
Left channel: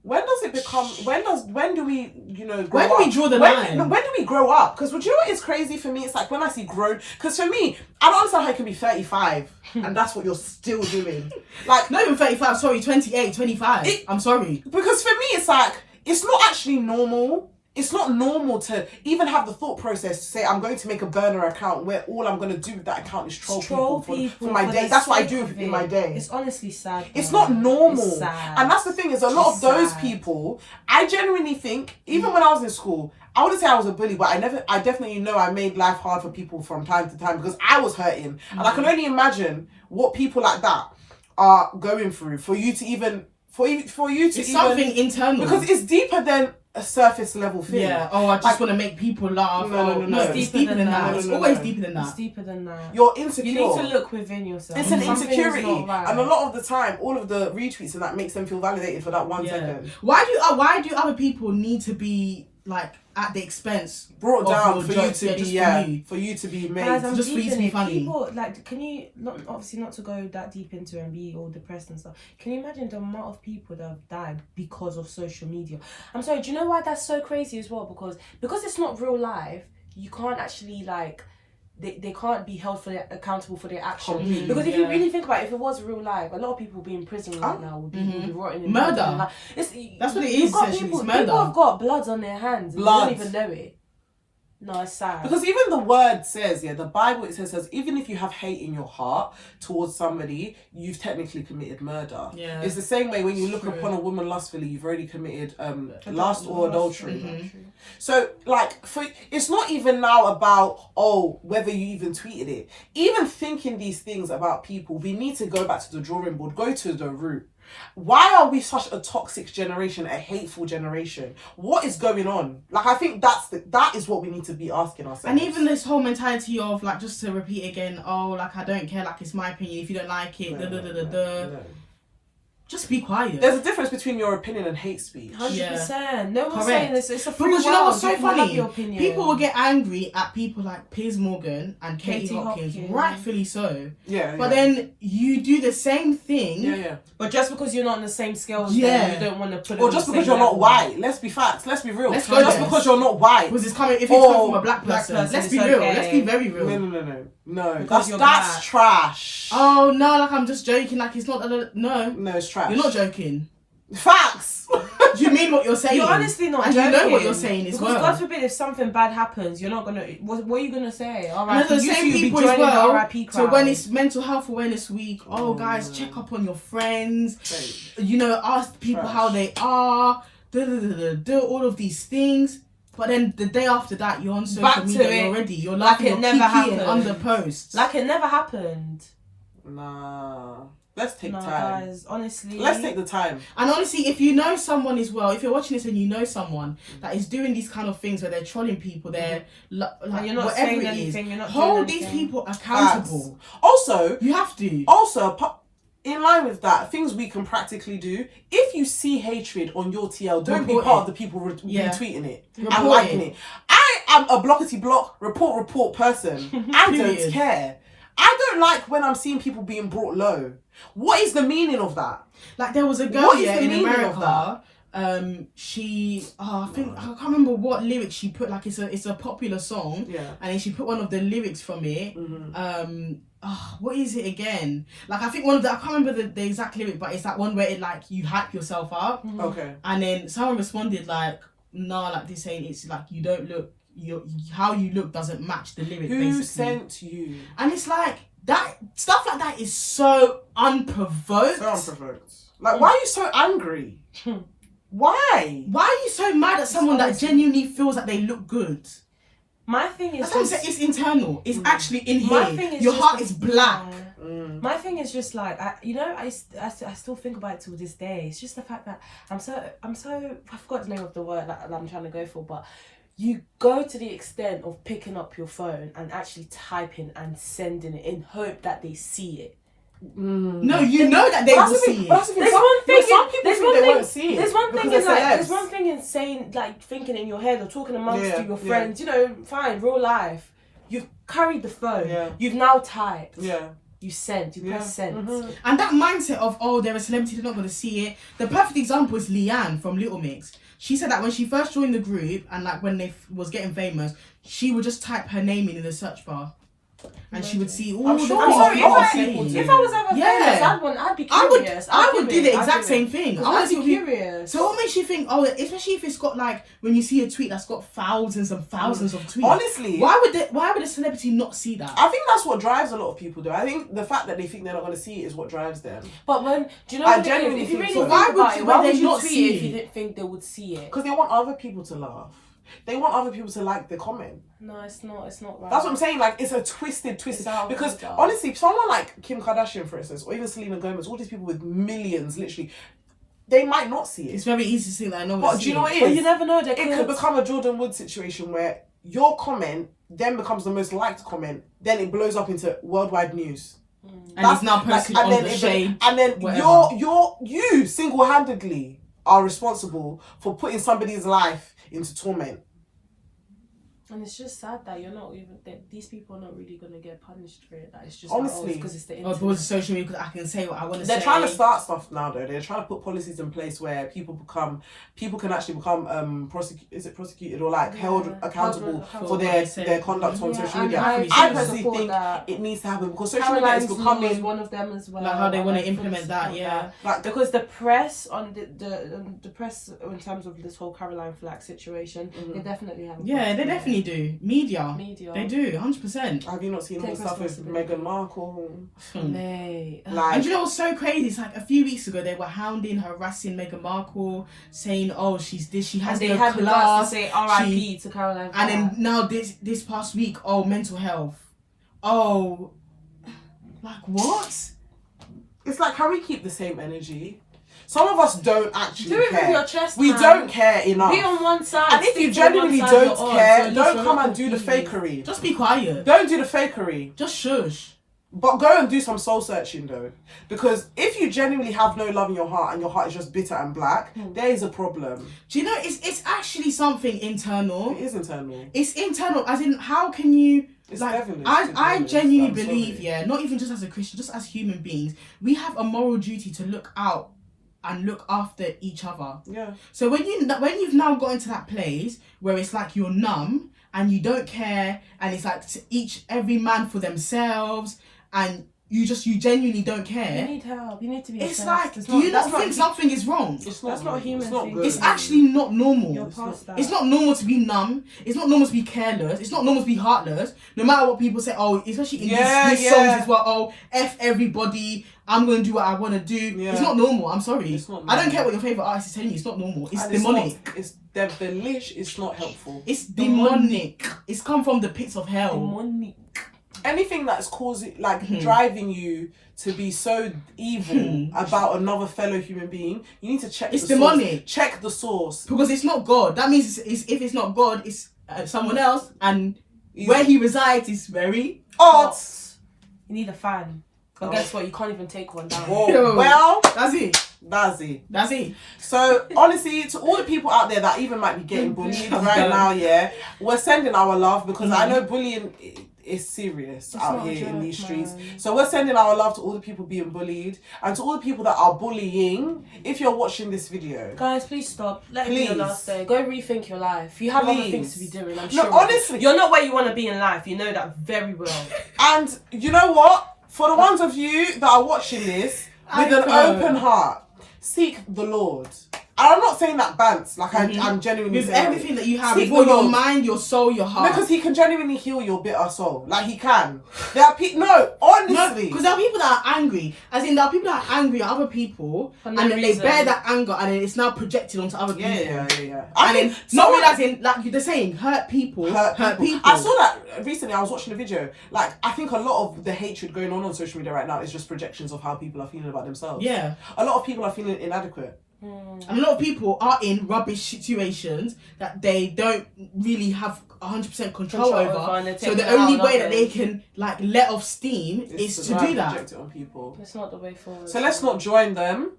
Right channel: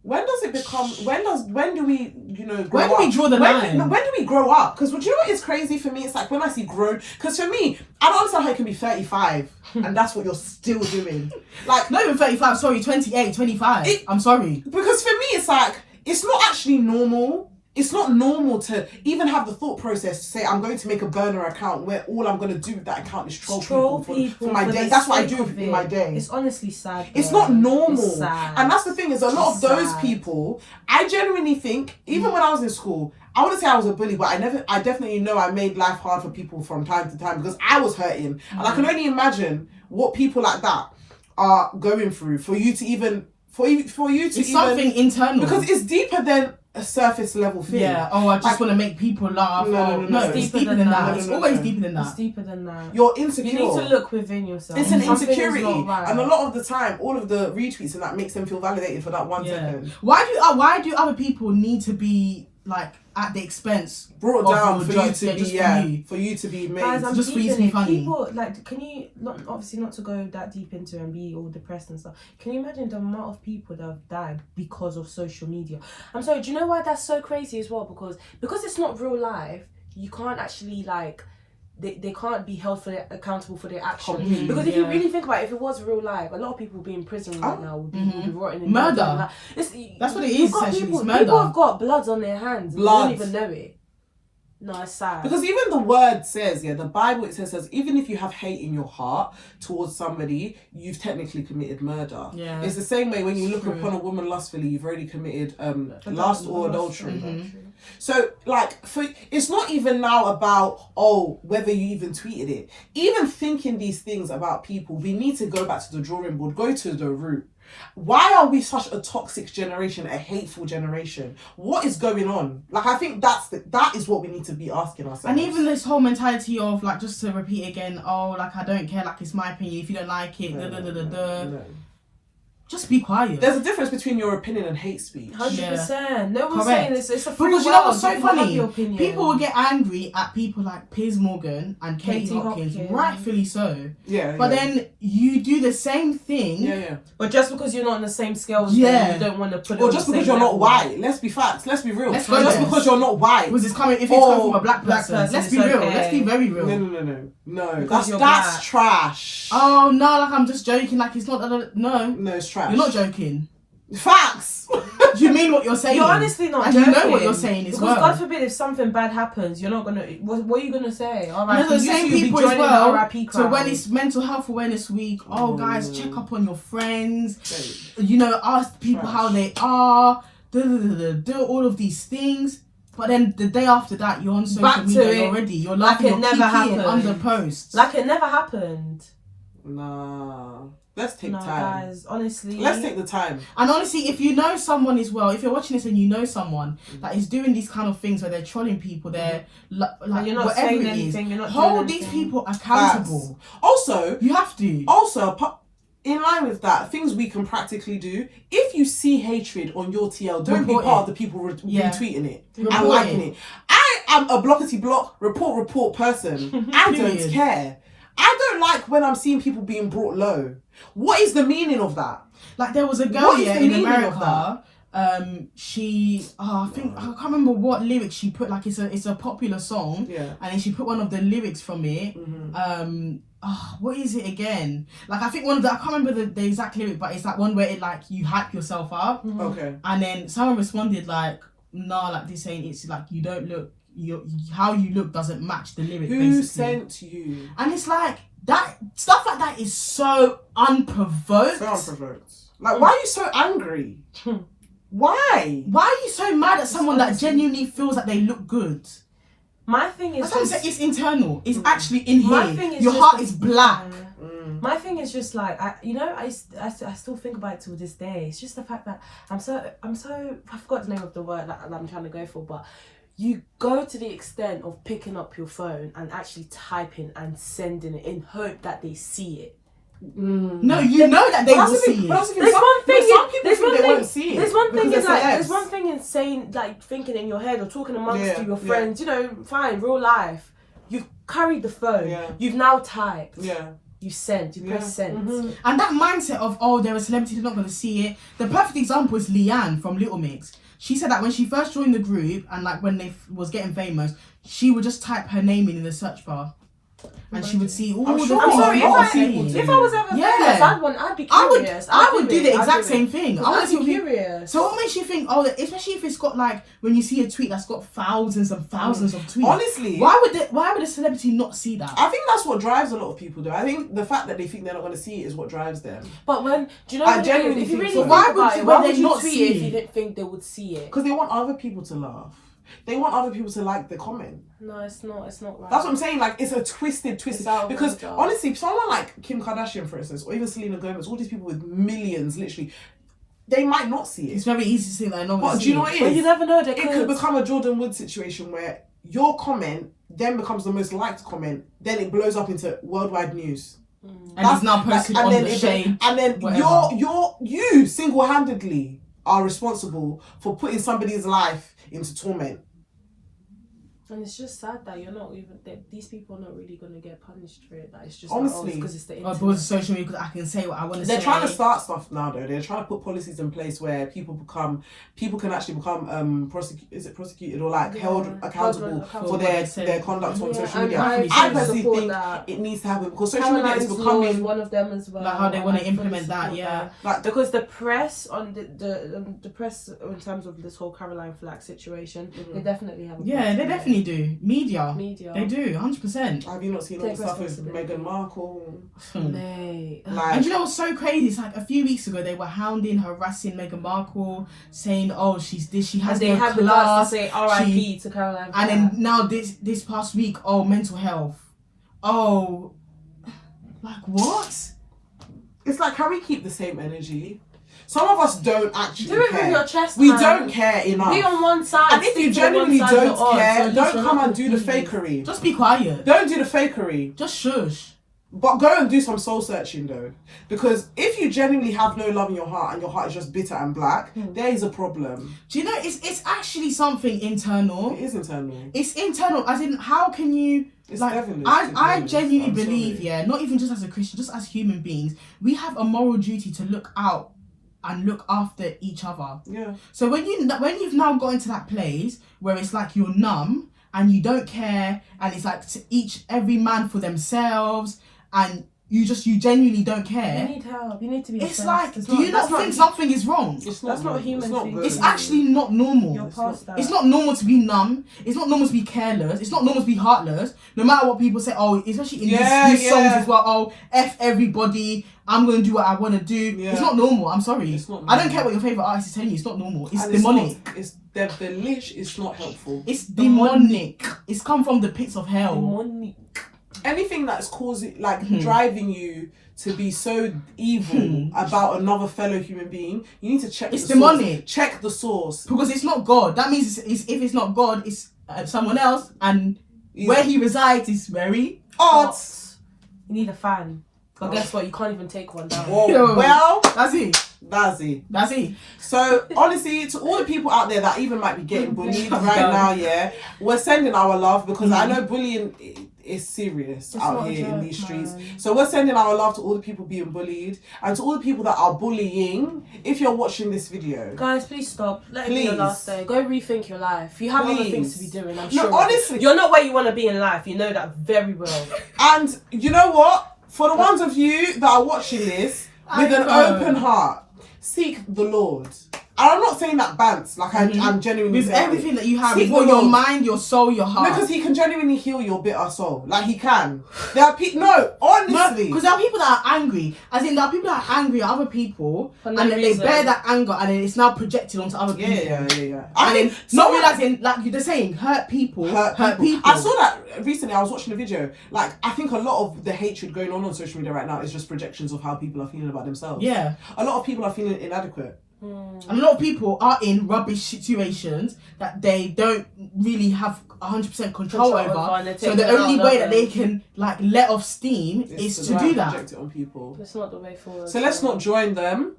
when does it become? When do we? Grow Where do we up? draw the line? When do we grow up? Because do you know what is crazy for me? It's like when I see grown. Because for me, I don't understand how you can be 35 and that's what you're still doing. Like, Not even 35, sorry, 28, 25. I'm sorry. because for me, it's like it's not actually normal. It's not normal to even have the thought process to say I'm going to make a burner account where all I'm going to do with that account is troll people for my day. the That's what I sake do of in my it. day. It's honestly sad. It's though. not normal. It's sad. And that's the thing is a lot It's of those sad. people, I genuinely think, even when I was in school, I wouldn't say I was a bully, but I definitely know I made life hard for people from time to time because I was hurting. And I can only imagine what people like that are going through for you to even, for you to It's even, something internal. because it's deeper than a surface level thing. Yeah, oh, I just Like- want to make people laugh. No, It's deeper than that. No, It's no, always no. deeper than It's that. deeper than that. You're insecure. You need to look within yourself. It's an Something is insecurity, not right. and a lot of the time, all of the retweets and that makes them feel validated for that 1 second. Why do other people need to be like at the expense Brought of down your for jokes? you to be, just yeah, for you to be made. Guys, I'm Just for you to deep be in it. funny. People, like, can you, obviously not to go that deep into and be all depressed and stuff, can you imagine the amount of people that have died because of social media? I'm sorry, do you know why that's so crazy as well? Because it's not real life, you can't actually, like, they can't be held accountable for their actions. Completely, Because if you really think about it, if it was real life, a lot of people would be in prison right now, would be rotting in Murder. jail. Like, That's what it you've is, got essentially, people, it's murder. people have got bloods on their hands and Blood. they don't even know it. No, it's sad. Because even the word says, the Bible, it says, even if you have hate in your heart towards somebody, you've technically committed murder. Yeah. It's the same way when you look True. upon a woman lustfully, you've already committed lust or adultery. Mm-hmm. So, like, it's not even now about, whether you even tweeted it. Even thinking these things about people, we need to go back to the drawing board, go to the root. Why are we such a toxic generation, a hateful generation? What is going on? Like, I think that is what we need to be asking ourselves. And even this whole mentality of like, just to repeat again, like I don't care, like it's my opinion. If you don't like it, No. just be quiet. There's a difference between your opinion and hate speech. 100%. No one's Correct. saying this. It's a free Because you world. know what's so You can have funny? your opinion. People will get angry at people like Piers Morgan and Katie Hopkins, rightfully so. Yeah. But then you do the same thing. Yeah. But just because you're not on the same scale as Yeah. them, you don't want to put it Or on just the because same you're not level. white. Let's be facts. Let's be real. Let's go just there. because you're not white. Because it's coming, if it's coming from a black black person, person, let's it's be real. okay. Let's be very real. No. Because you're That's black. trash. Oh no, like I'm just joking. Like it's not. No, No, it's trash. you're not joking. Facts. Do you mean what you're saying? You're honestly not and joking. you know what you're saying as because well. God forbid if something bad happens, you're not gonna. What are you gonna say? All And right, they're the same people as well. RIP crowd. So when it's Mental Health Awareness Week, guys, check up on your friends. You know, ask people Trash. how they are. Do all of these things. But then the day after that, you're on social Back to media it. already. You're Like laughing, it you're never kicking happened. under posts. like it never happened. Nah. Let's take No, time. guys, honestly. Let's take the time. And honestly, if you know someone as well, if you're watching this and you know someone that is doing these kind of things where they're trolling people, they're like you're not whatever saying it is, anything, you're not hold doing these anything. people accountable. Facts. Also, You have to. in line with that, things we can practically do. If you see hatred on your TL, don't Report be part it. of the people Yeah. retweeting it Report and liking it. it. I am a blockety block report person. I don't Period. care. I don't like when I'm seeing people being brought low. What is the meaning of that? Like there was a girl What is here the in meaning of America. I think I can't remember what lyrics she put. Like it's a popular song, Yeah. and then she put one of the lyrics from it. What is it again? Like I think one of the I can't remember the exact lyric, but it's like one where it like you hype yourself up. Okay. And then someone responded like, "Nah, like this ain't. It's like you don't look. How you look doesn't match the lyric." Who basically. sent you? And it's like that stuff like that is so unprovoked. So unprovoked. Like, why are you so angry? Why? Why are you so mad at someone that genuinely feels that they look good? My thing is That's what I'm saying, it's internal. It's actually in here. My thing is your just heart is black. My thing is just like I still think about it to this day. It's just the fact that I'm so I forgot the name of the word that I'm trying to go for, but you go to the extent of picking up your phone and actually typing and sending it in hope that they see it. No, you know that they will see it. There's one thing. Some people think they won't see it. There's one thing because in like. they're There's celebs. one thing in saying like thinking in your head or talking amongst Yeah, your yeah. friends. You know, fine, real life. You've carried the phone. Yeah. You've now typed. Yeah. You sent. You press send. And that mindset of, oh, they're a celebrity, they're not going to see it. The perfect example is Leanne from Little Mix. She said that when she first joined the group and like when they was getting famous, she would just type her name in the search bar. And she would see all I'm the sure things a lot people of were people saying. do. If I was ever famous, I'd be curious. I would do the exact I'd same thing. I I'd would be be curious. So what makes you think, oh, especially if it's got like, when you see a tweet that's got thousands and thousands of tweets. Honestly, Why would a celebrity not see that? I think that's what drives a lot of people though. I think the fact that they think they're not going to see it is what drives them. But when do you know I what genuinely if you think really so. think Why about would- it, why why they would you not tweet see it if it? you didn't think they would see it? Because they want other people to laugh. They want other people to like the comment. No, it's not. It's not right. That's what I'm saying. Like, it's a twisted. It's out of Because control. honestly, someone like Kim Kardashian, for instance, or even Selena Gomez, all these people with millions, literally, they might not see It's it. very easy to think that I know. But do you know what it But is? you never know. They It could become a Jordan Wood situation where your comment then becomes the most liked comment, then it blows up into worldwide news. And it's now posted on the shade. And then whatever. you single-handedly are responsible for putting somebody's life into torment. And it's just sad that you're not even that these people are not really gonna get punished for it. That it's just Honestly. because it's the Or internet. because social media, because I can say what I want to say. They're trying to start stuff now, though. They're trying to put policies in place where people can actually become prosecuted or like held accountable for their conduct on social media. I I personally support think that. it needs to happen because social media is Caroline's Law is becoming one of them as well. Like how they and wanna I fully implement that, support yeah. like Because the press on the press in terms of this whole Caroline Flack situation, they definitely have. Yeah, they definitely do. Media. They do, 100%. Have you not seen all the Take stuff with responsibility. Meghan Markle? Mate. Like, And you know what's so crazy? It's like a few weeks ago they were hounding, harassing Meghan Markle, saying, "Oh, she's this, she has And they no had the guts class." to say R.I.P. to Caroline Flack. And then now this past week, oh, mental health. Oh, like what? it's like, can we keep the same energy? Some of us don't actually do it care. with your chest. We man. don't care enough. Be on one side. And if stick you to one genuinely side don't you're on, care, so at least don't you're come not and do the confused. fakery. Just be quiet. Don't do the fakery. Just shush. But go and do some soul searching though. Because if you genuinely have no love in your heart and your heart is just bitter and black, there is a problem. Do you know, it's actually something internal. It is internal. It's internal, as in, how can you... It's like, devilish, I to be honest. genuinely I'm believe, sorry. yeah, not even just as a Christian, just as human beings, we have a moral duty to look out and look after each other. Yeah. So when you've now gotten to that place where it's like you're numb and you don't care, and it's like every man for themselves, and you genuinely don't care. You need help. You need to be. It's assessed. like, It's do you not think something is wrong? It's That's not good. human It's not thing. good. It's actually not normal. You're past that. It's not normal to be numb. It's not normal to be careless. It's not normal to be heartless. No matter what people say, oh, especially in these songs as well, oh, F everybody, I'm going to do what I want to do. Yeah. It's not normal. I'm sorry. It's not I don't normal. care what your favourite artist is telling you. It's not normal. It's And demonic. It's devilish. It's not helpful. It's demonic. It's come from the pits of hell. Demonic. Anything that's causing, like, driving you to be so evil about another fellow human being, you need to check It's the demonic. source. Check the source. Because it's not God. That means if it's not God, it's someone else. And Yeah. where he resides is very... Odd. You need a fan. But guess what? You can't even take one down. Whoa. Yo. Well, That's it. That's it. That's it. So honestly, to all the people out there that even might be getting bullied I'm right done. now, yeah, we're sending our love because I know bullying is serious It's out not a here in joke, these streets. man. So we're sending our love to all the people being bullied and to all the people that are bullying. If you're watching this video, Guys, please stop. Let it be your Please. last day. Go rethink your life. You have other things to be Please. doing, I'm No, sure. honestly. You're not where you want to be in life. You know that very well. and you know what? For the ones of you that are watching this with an open heart, seek the Lord. And I'm not saying that bants, like I'm genuinely With saying everything it. that you have, Seek with the your Lord. mind, your soul, your heart. Because he can genuinely heal your bitter soul. Like he can. There are people. No, honestly. Because there are people that are angry. As in, there are people that are angry at other people, For no and then reason. they bear that anger, and then it's now projected onto other people. Yeah. And then not someone- realizing, like you're saying, hurt people. I saw that recently. I was watching a video. Like, I think a lot of the hatred going on social media right now is just projections of how people are feeling about themselves. Yeah. A lot of people are feeling inadequate. And a lot of people are in rubbish situations that they don't really have 100% control Control over. over, and they're So taking the it out only on way that they others. can like let off steam It's is to do that. project it on people. That's not the way forward. So let's not join them.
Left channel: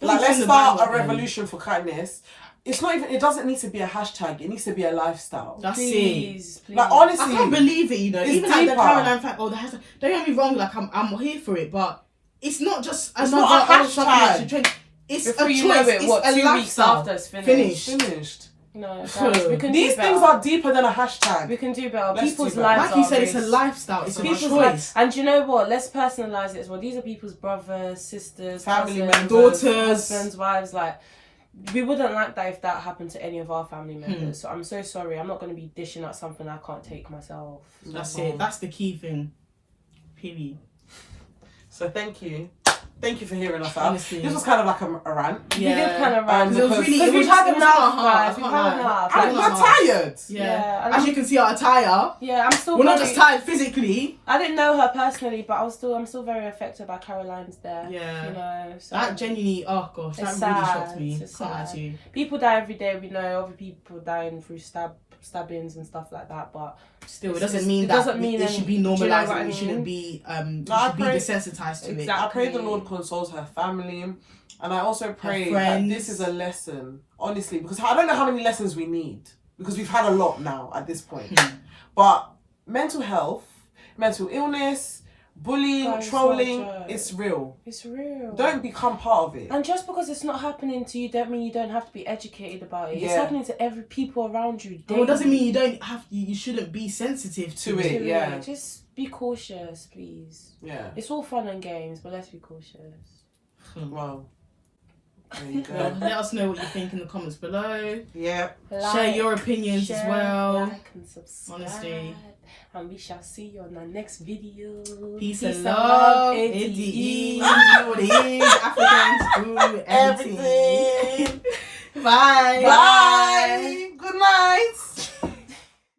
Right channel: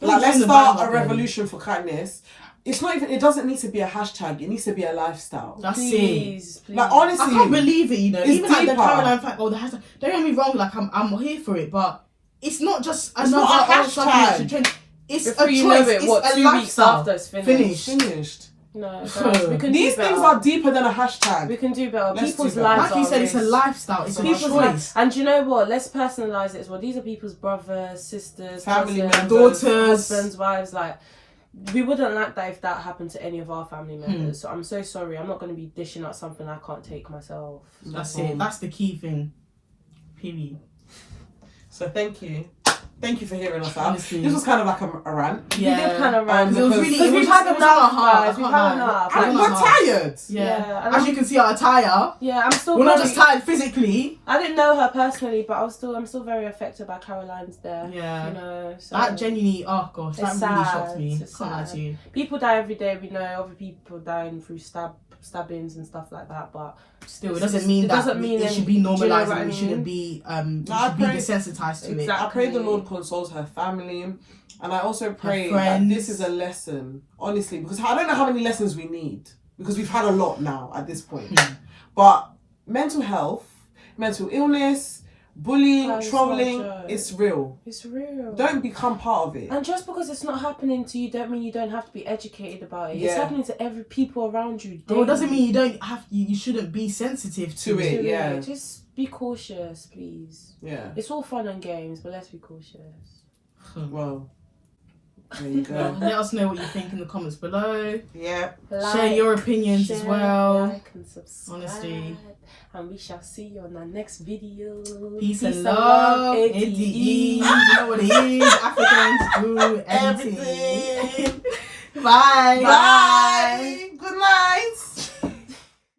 Don't Like, join let's the start a bandwagon. revolution for kindness. It's not even. It doesn't need to be a hashtag. It needs to be a lifestyle. That's it. Please. Like, honestly, I can't believe it, you know. It's Even like the deeper. Caroline fact, the hashtag. Don't get me wrong, like I'm here for it, but it's not just It's another not a something that hashtag. should trend. It's Before a you choice. know it, It's what, a 2 weeks lifestyle. after it's finished. finished. No, guys, we can These do better. things are deeper than a hashtag. We can do better. Let's People's do better. lives Like you are said, it's a risk. lifestyle. It's a People's choice. lives. And do you know what? Let's personalize it as well. These are people's brothers, sisters, Family cousins, members. Daughters. husbands, wives. Like, we wouldn't like that if that happened to any of our family members. So I'm so sorry. I'm not going to be dishing out something I can't take myself. That's it. That's the key thing. Period. So thank you. Thank you for hearing us out. Honestly. This was kind of like a rant. We did kind of rant. Because it was really. Because It was we've had it was enough, on our heart. guys. I We've can't had lie. enough. It was And on we're our heart. tired. Yeah, and As I'm- you can see, our attire. Yeah, I'm still We're not very... just tired physically. I didn't know her personally, but I'm still very affected by Caroline's death. Yeah. You know, so That genuinely, oh gosh, that It's really sad. shocked me. It's Can't lie sad. to you. people die every day. We know other people dying through stabbings and stuff like that, but Still, it It's- doesn't mean it that doesn't mean it should be do you know normalised. what I It shouldn't mean? be. I You should be pray- desensitized to it. Exactly. I pray the Lord consoles her family. And I also pray that friends. this is a lesson, honestly, because I don't know how many lessons we need, because we've had a lot now at this point. But mental health, mental illness, bullying, Guys, it's not a trolling, joke. it's real. it's real. Don't become part of it. And just because it's not happening to you, don't mean you don't have to be educated about it. It's Yeah. happening to every people around you. Well, it doesn't daily. mean you don't have. You shouldn't be sensitive to To it. it. Yeah. Just be cautious, please. Yeah. It's all fun and games, but let's be cautious. Well, there you Well, go. let us know what you think in the comments below. Yeah. Share your opinions as well. Like and subscribe. Honestly. And we shall see you on our next video. Peace and love. ADE. ADE. You know what it is. Africans do everything. Everything. Bye. Bye.